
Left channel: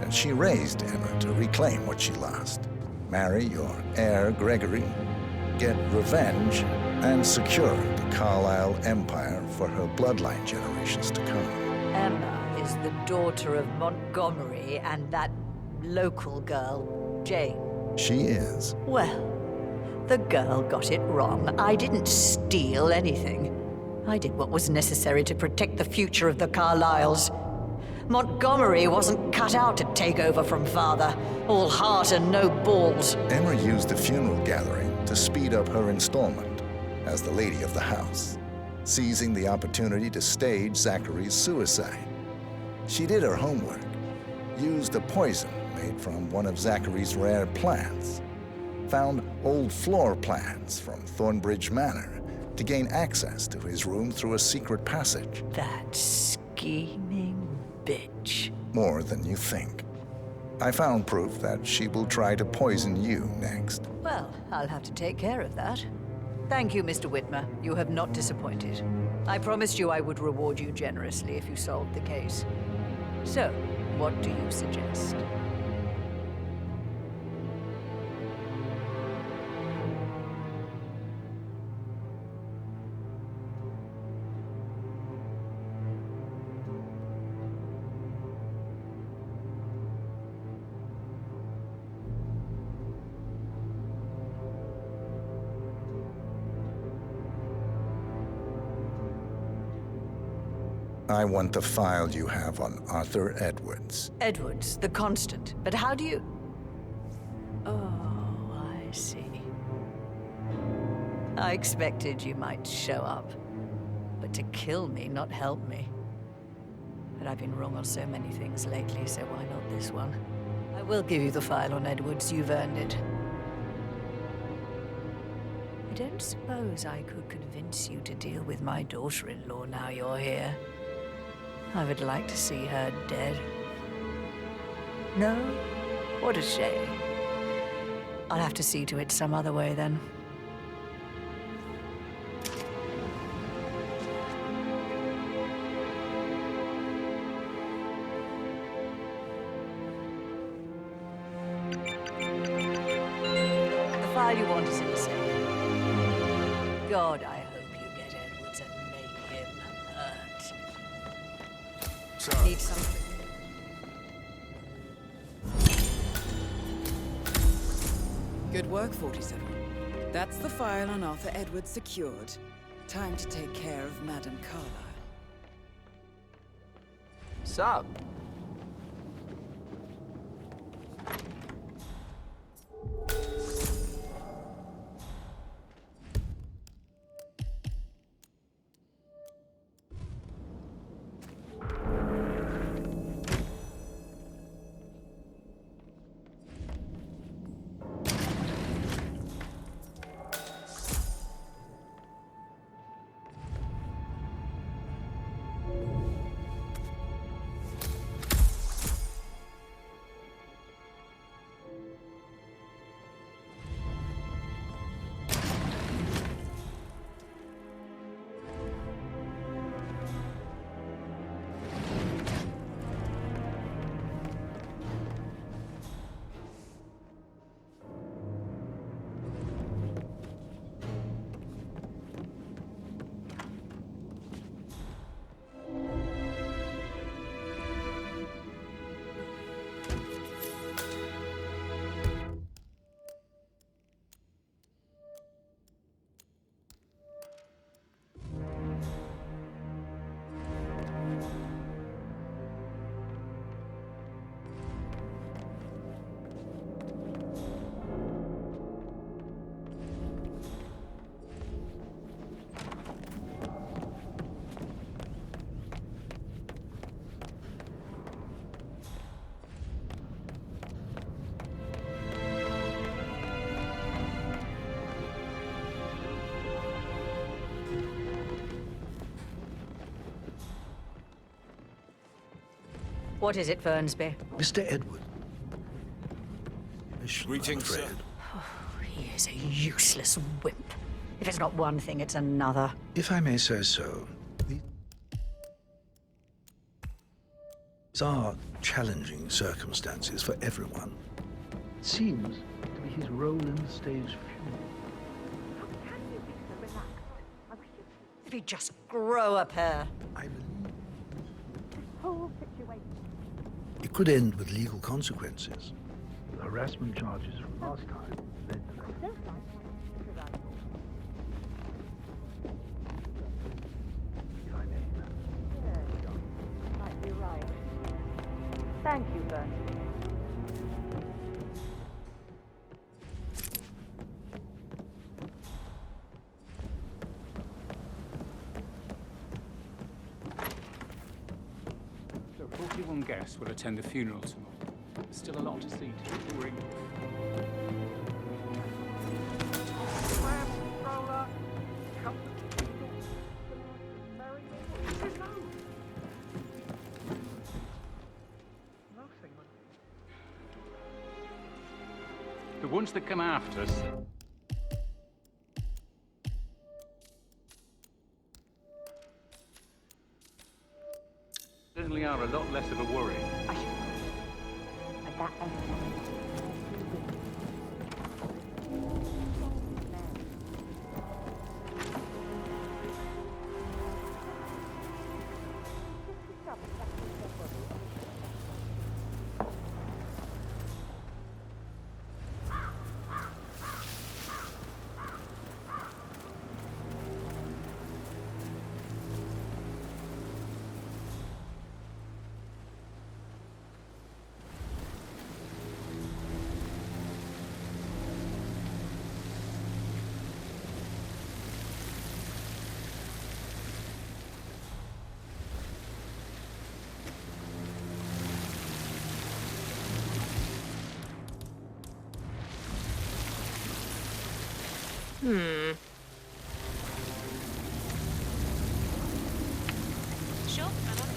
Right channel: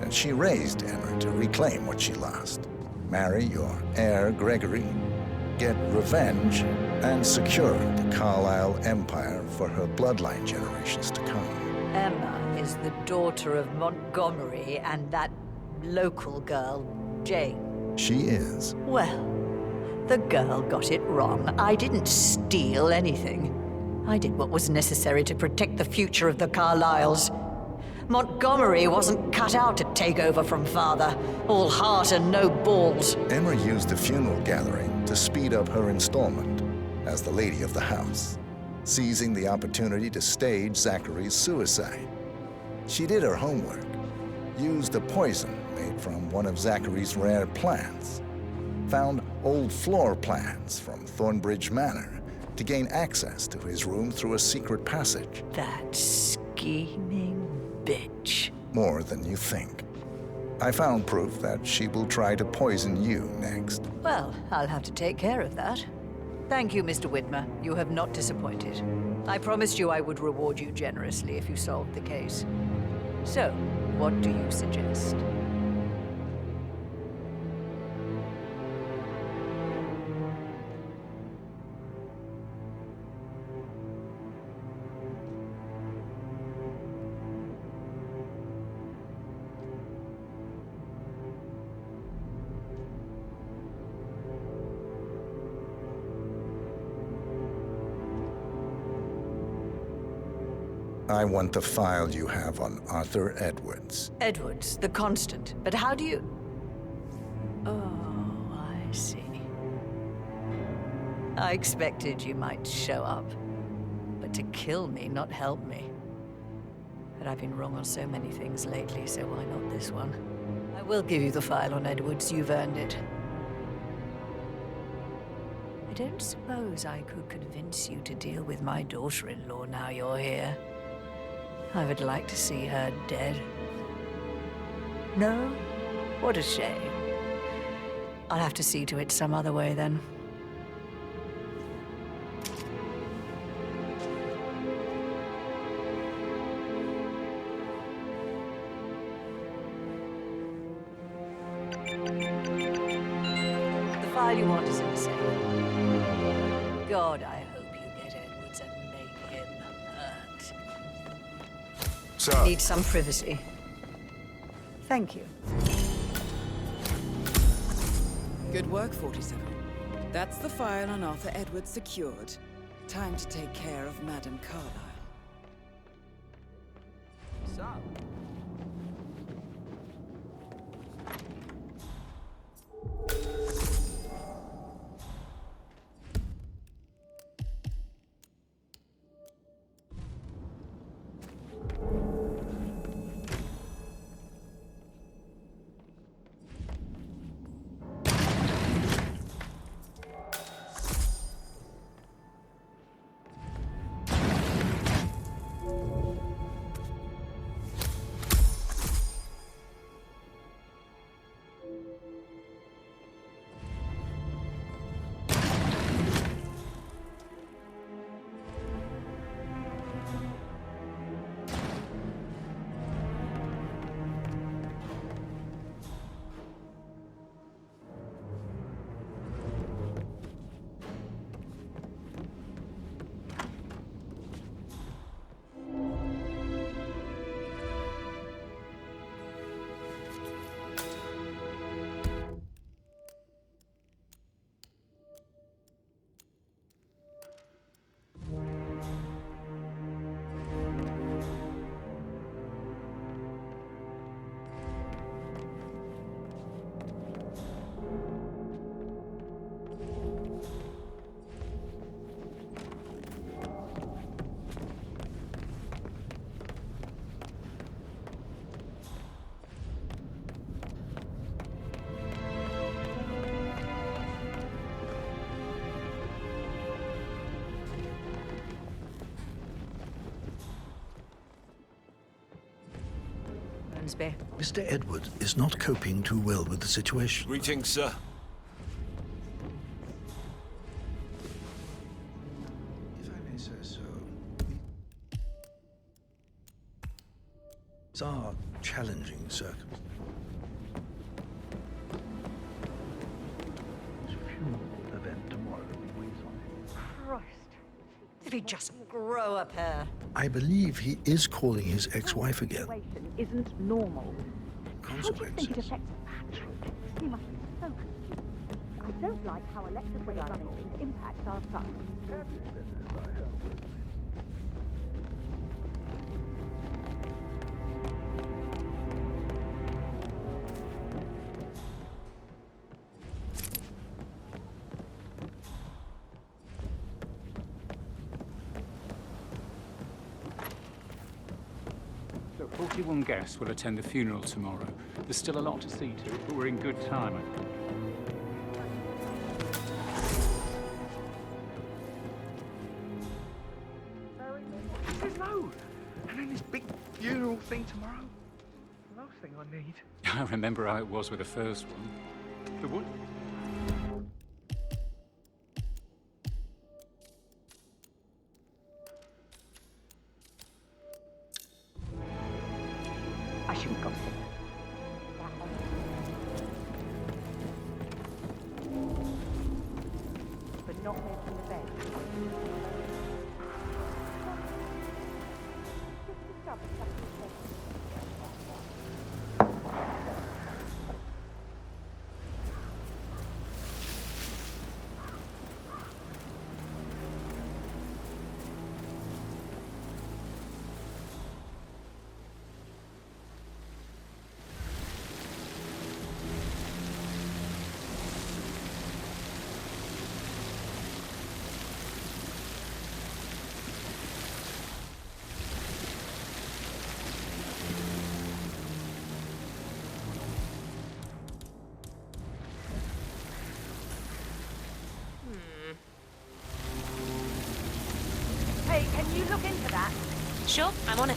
And she raised Emma to reclaim what she lost, marry your heir, Gregory, get revenge, and secure the Carlyle empire for her bloodline generations to come. Emma is the daughter of Montgomery and that local girl, Jane. She is. Well, the girl got it wrong. I didn't steal anything. I did what was necessary to protect the future of the Carlyles. Montgomery wasn't cut out to take over from father. All heart and no balls. Emma used the funeral gathering to speed up her installment as the lady of the house, seizing the opportunity to stage Zachary's suicide. She did her homework, used a poison made from one of Zachary's rare plants, found old floor plans from Thornbridge Manor to gain access to his room through a secret passage. That scheming bitch. More than you think. I found proof that she will try to poison you next. Well, I'll have to take care of that. Thank you, Mr. Whitmer. You have not disappointed. I promised you I would reward you generously if you solved the case. So, what do you suggest? I want the file you have on Arthur Edwards. Edwards, the Constant. But how do you... Oh, I see. I expected you might show up. But to kill me, not help me. But I've been wrong on so many things lately, so why not this one? I will give you the file on Edwards. You've earned it. I don't suppose I could convince you to deal with my daughter-in-law now you're here. I would like to see her dead. No? What a shame. I'll have to see to it some other way, then. The file you want is in the safe. God, I hope you get Edwards and make him hurt. Sir. Need some privacy. Thank you. Good work, 47. That's the file on Arthur Edwards secured. Time to take care of Madame Carlyle. Sup? What is it, Fernsby? Mr. Edward is not coping too well with the situation. Greetings, sir. He is a useless wimp. If it's not one thing, it's another. If I may say so, these are challenging circumstances for everyone. It seems his role in the stage funeral event tomorrow. If he'd just grow a pair. I believe he is calling his ex-wife again. It could end with legal consequences. Harassment charges. I don't like how electric rifles impact our son. Thank you, sir. So 41 guests will attend the funeral tomorrow. There's still a lot to see to, but we're in good time. I remember how it was with the first one. The ones that come after us. Certainly are a lot less of a worry. I shouldn't go. But that but not more than that. Just discovered that Hey, can you look into that? Sure, I'm on it.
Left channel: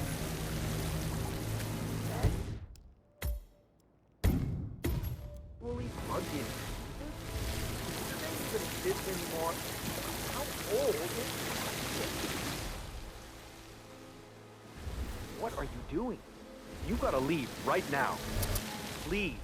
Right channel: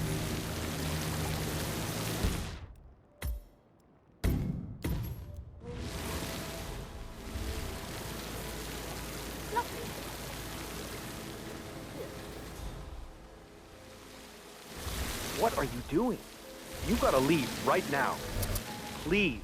What are you doing? You gotta leave right now. Please.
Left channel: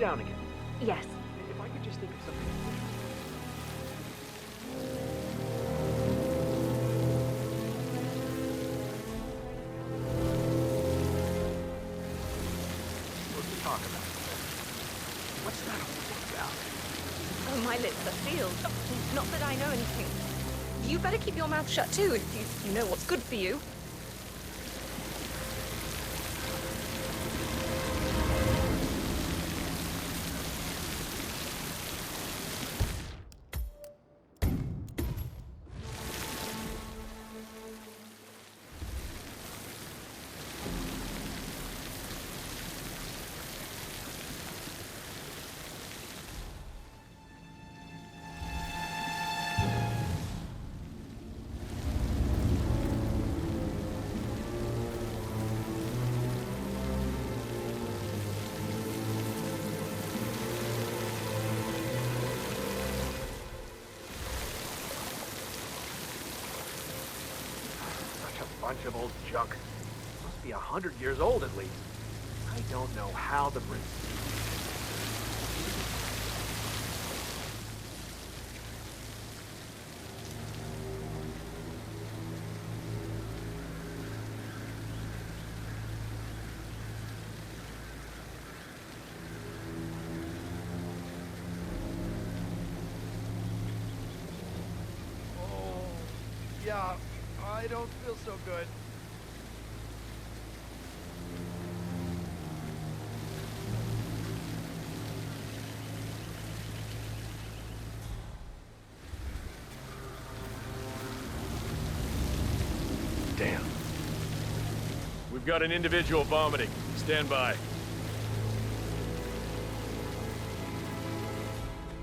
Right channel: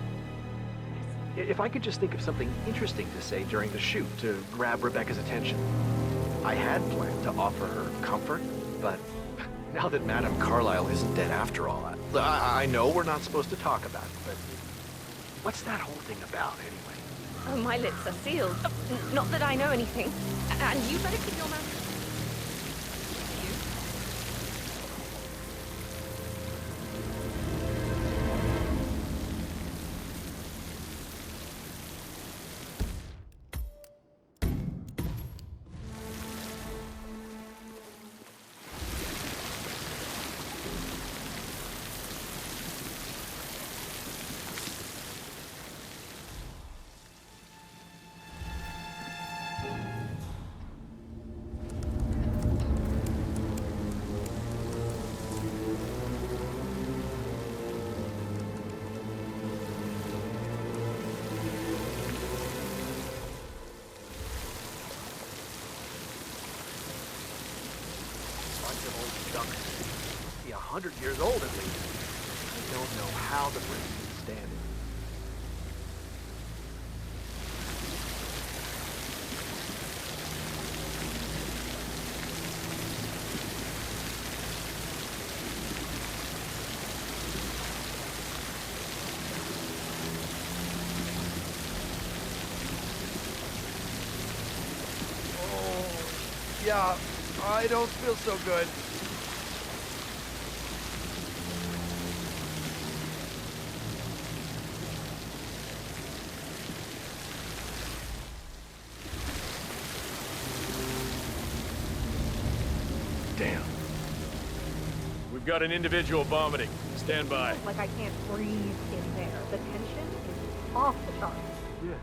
Down again. Yes. If I could just think of something interesting to say during the shoot to grab Rebecca's attention. I had planned to offer her comfort, but now that Madame Carlyle isn't dead after all, I know we're not supposed to talk about it, but what's that whole thing about anyway? Oh, my lips are sealed. Not that I know anything. And you better keep your mouth shut too, if you know what's good for you. Bunch of old junk. Must be 100 years old at least. I don't know how the Brits sustain it. Oh, yeah. I don't feel so good. Damn. We've got an individual vomiting. Stand by. Like I can't breathe in there. The tension. Off the top. Yeah.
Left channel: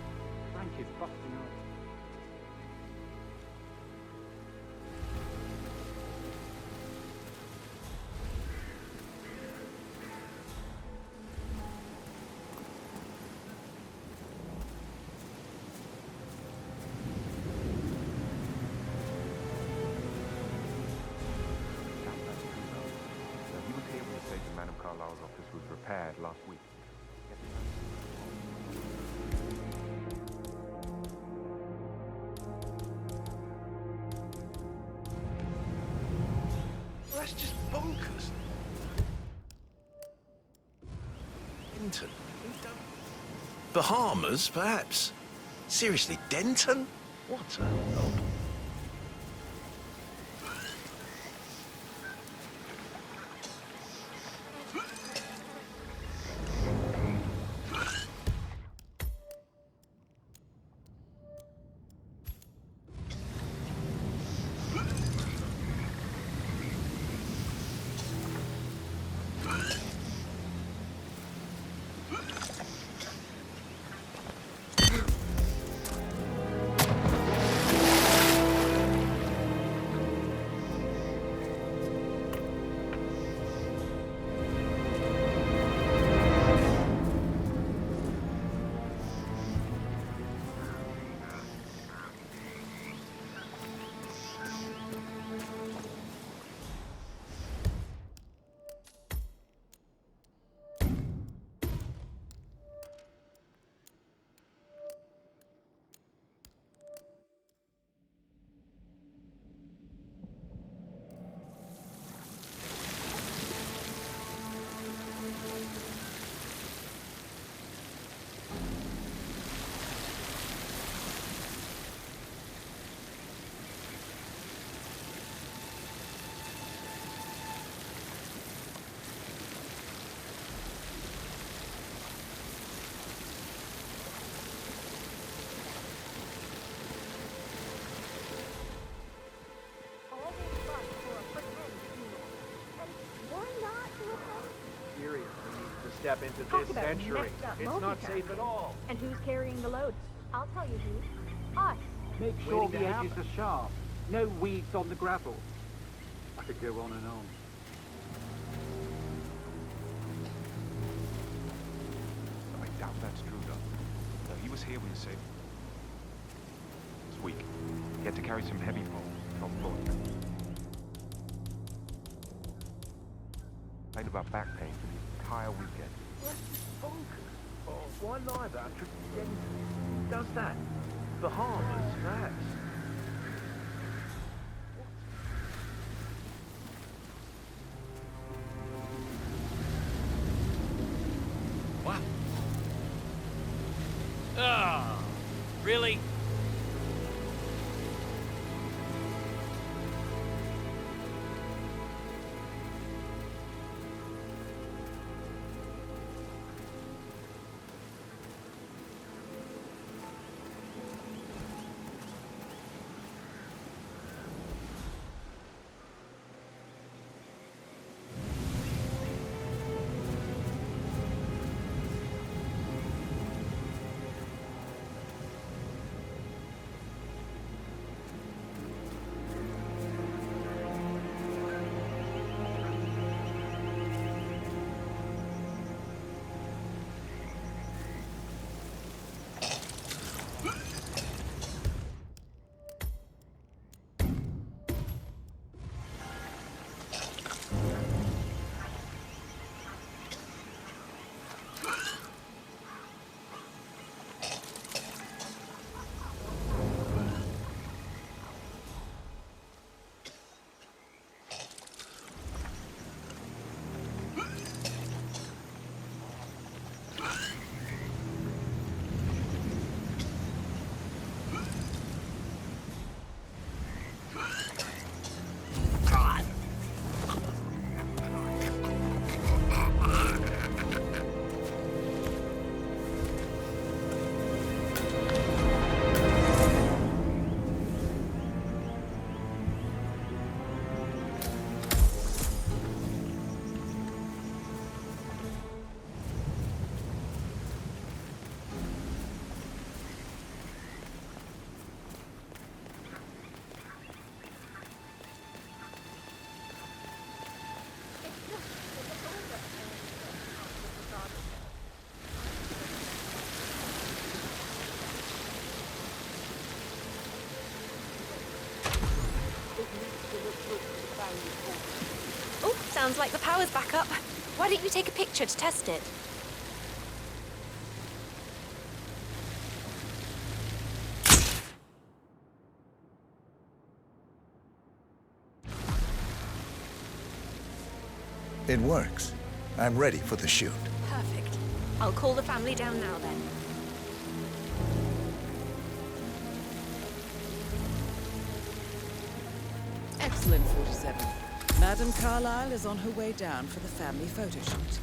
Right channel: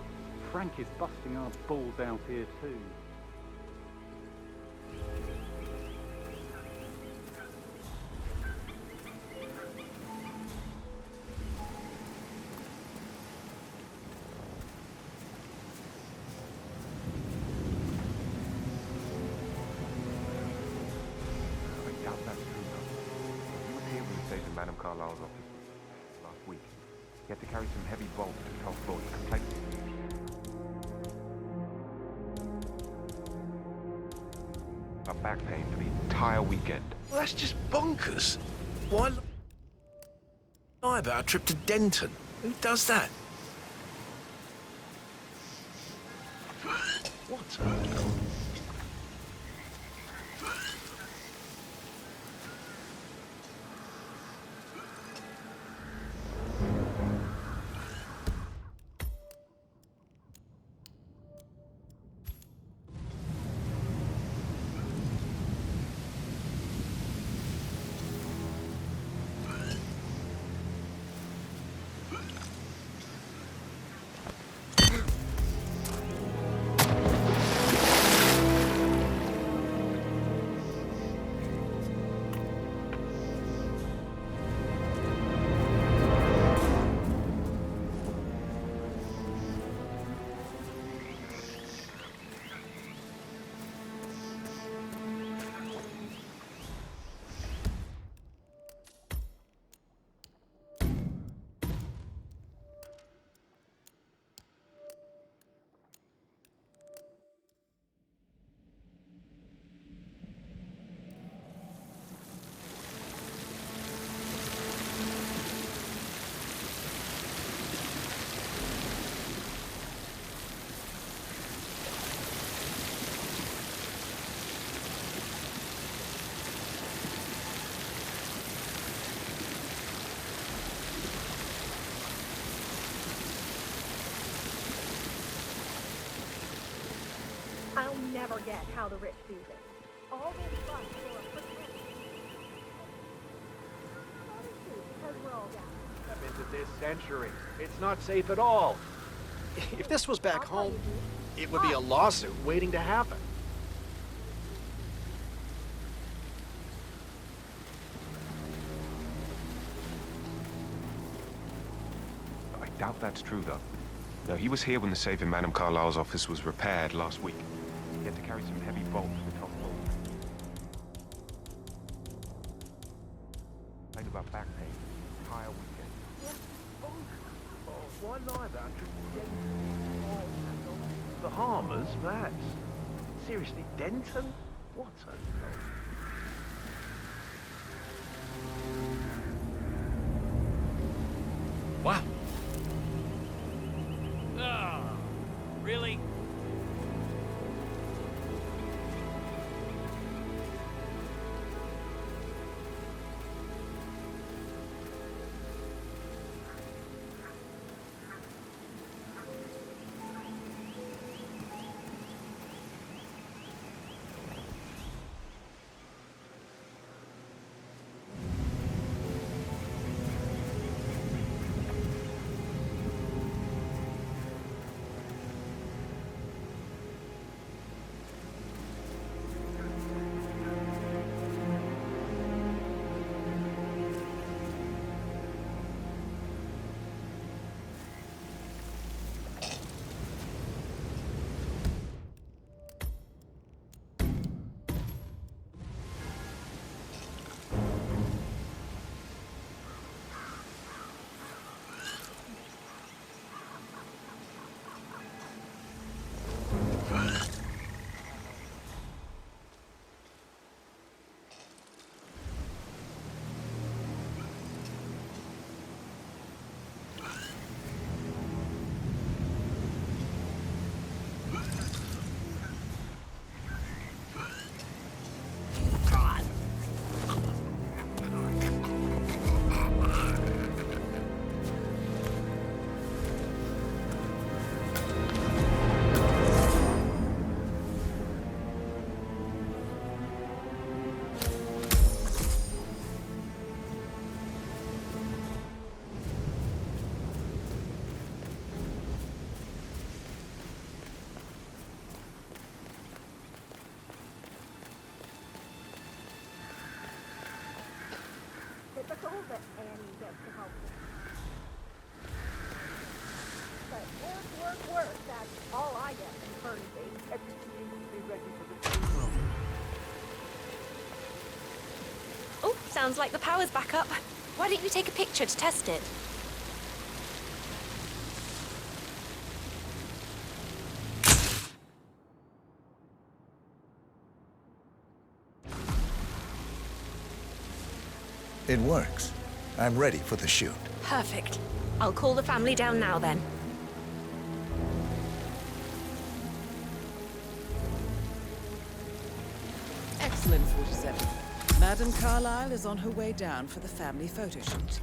Frank is busting our balls out here too. Madame Carlyle's office was repaired last week. He had to carry some heavy bolts to top floor to tighten. A back pain for the entire weekend. Well, that's just bonkers. Why lie about a trip to Denton. Who does that? Bahamas, perhaps? Seriously, Denton? What a hell? How the rich do this. All this fuss for a pretend funeral. And why not look other Seriously, to step into this century. It's not safe at all. And who's carrying the load? If this was back I'll tell home, you who. it would be a lawsuit waiting to happen. No weeds on the gravel. I could go on and on. I doubt that's true, though. No, he was here when the safe in Madame Carlyle's office was repaired last week. He had to carry some heavy bolts to top floor. Complained about back pain for the entire weekend. Oh, why lie about a trip to Denton? Who does that? Bahamas, perhaps? Seriously, Denton? What a... Wow. Ah, really? Oh, sounds like the power's back up. Why don't you take a picture to test it? It works. I'm ready for the shoot. Perfect. I'll call the family down now then. Excellent, 47. Madame Carlyle is on her way down for the family photo shoot.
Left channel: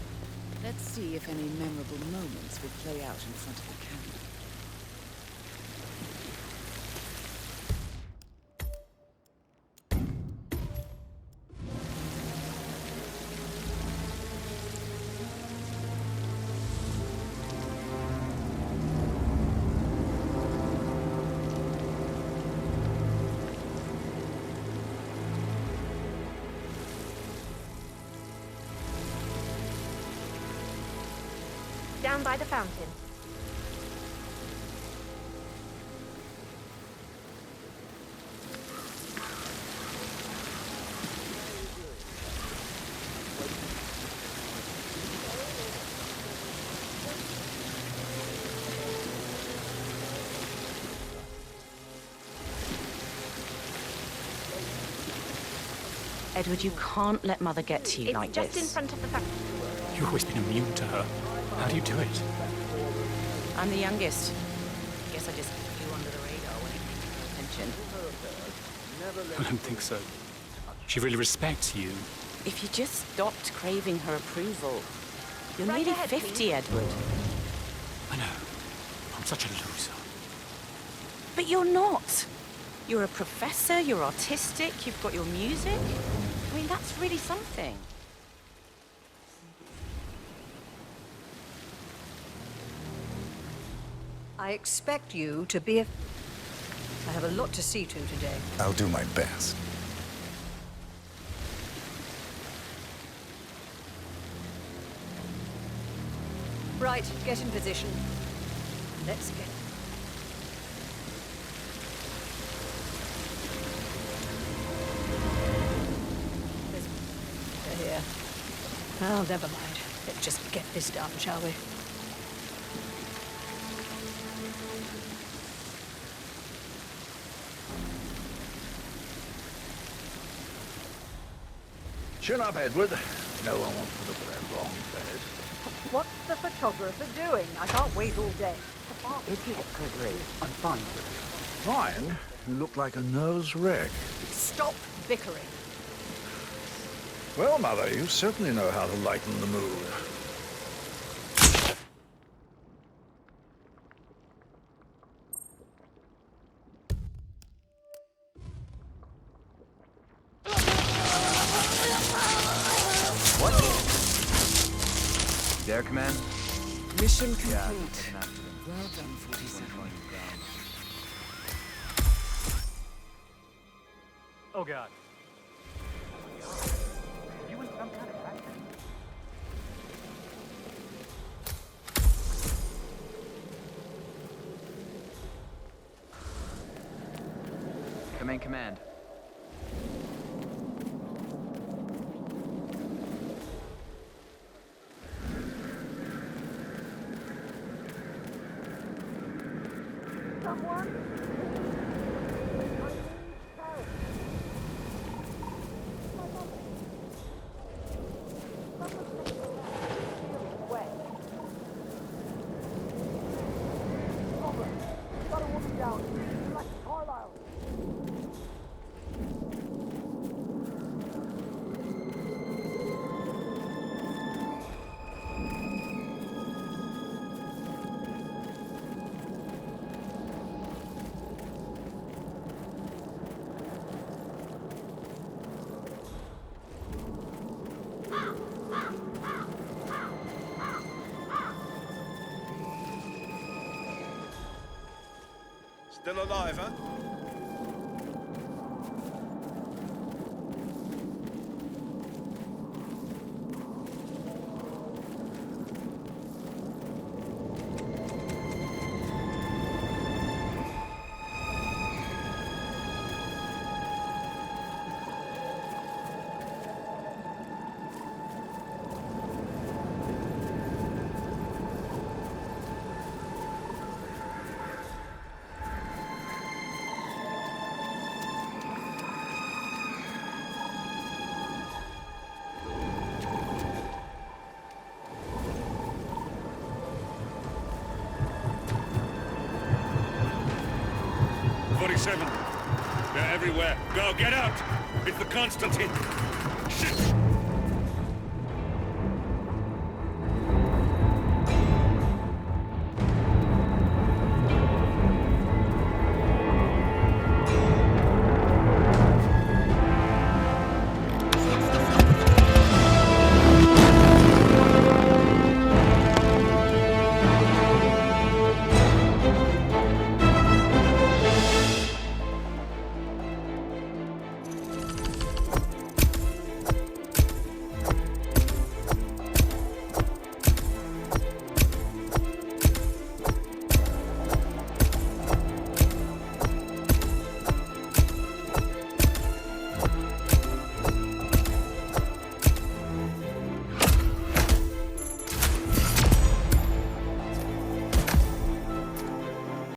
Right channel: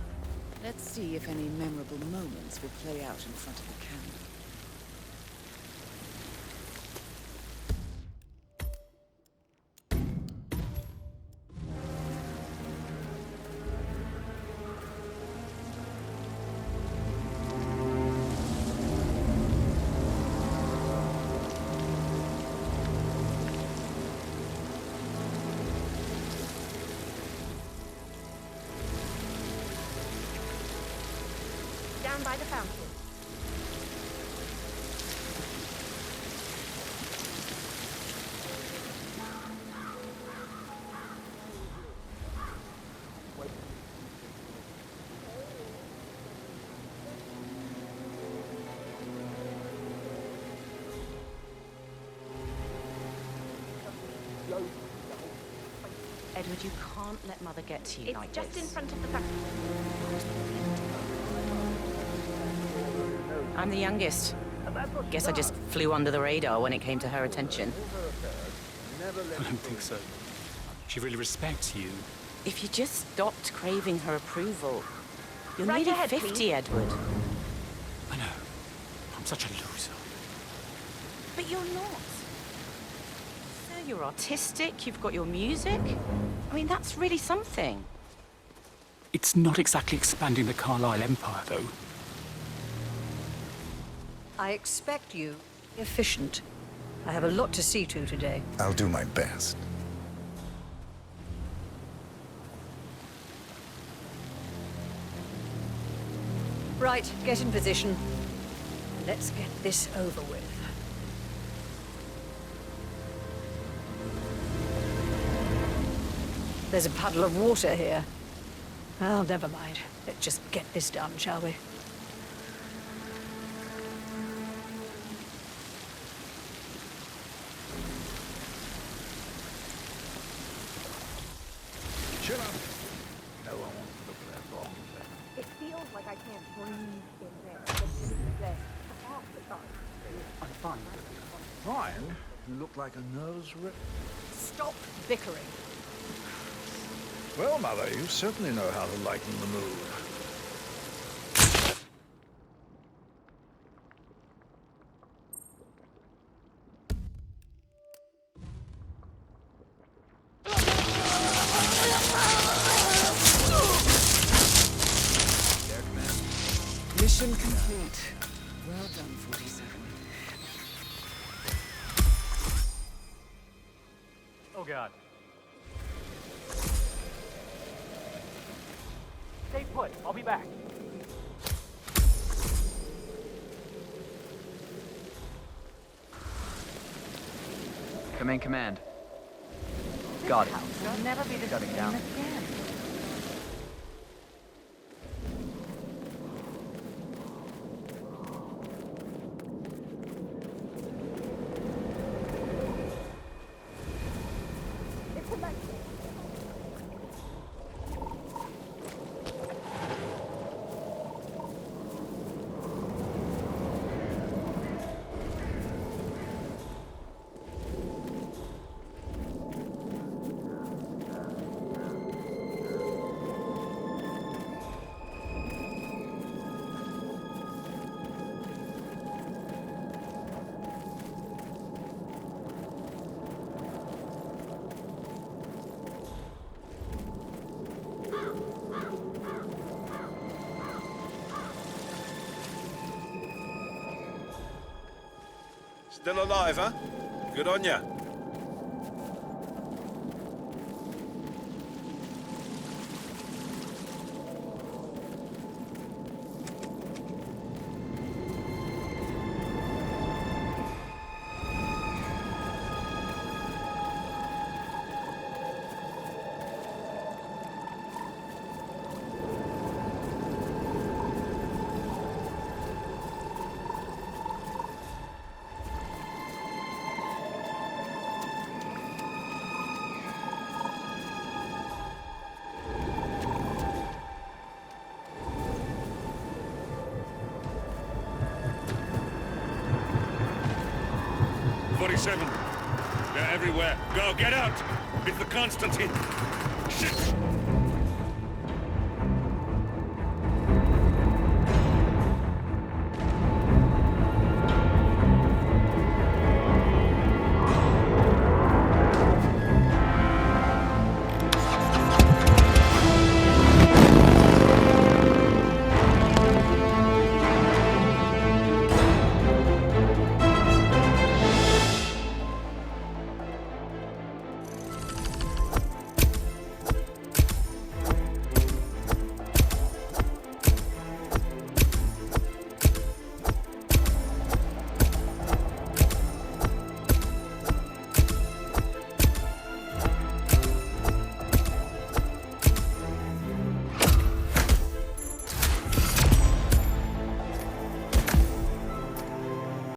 Let's see if any memorable moments will play out in front of the camera. Down by the fountain. Edward, you can't let Mother get to you like this. It's just in front of the fountain. You've always been immune to her. How do you do it? I'm the youngest. Guess I just flew under the radar when it came to her attention. I don't think so. She really respects you. If you just stopped craving her approval. You're Right nearly ahead, 50, please. Edward. I know. I'm such a loser. But you're not. You're a professor, you're artistic, you've got your music. I mean, that's really something. It's not exactly expanding the Carlyle Empire, though. I expect you to be efficient. I have a lot to see to today. I'll do my best. Right, get in position. Let's get this over with. There's a puddle of water here. Well, never mind. Let's just get this done, shall we? Chin up, Edward. No one wants to look at that long face. What's the photographer doing? I can't wait all day. I'm fine. Fine? You look like a nervous wreck. Stop bickering. Well, Mother, you certainly know how to lighten the mood. There, Command? Mission complete. Well done, 47. Oh, God. Stay put. I'll be back. Come in, Command. Got it. Shutting down. Still alive, huh? Good on ya. 47. They're everywhere. Go, get out! It's the Constantine. Shit!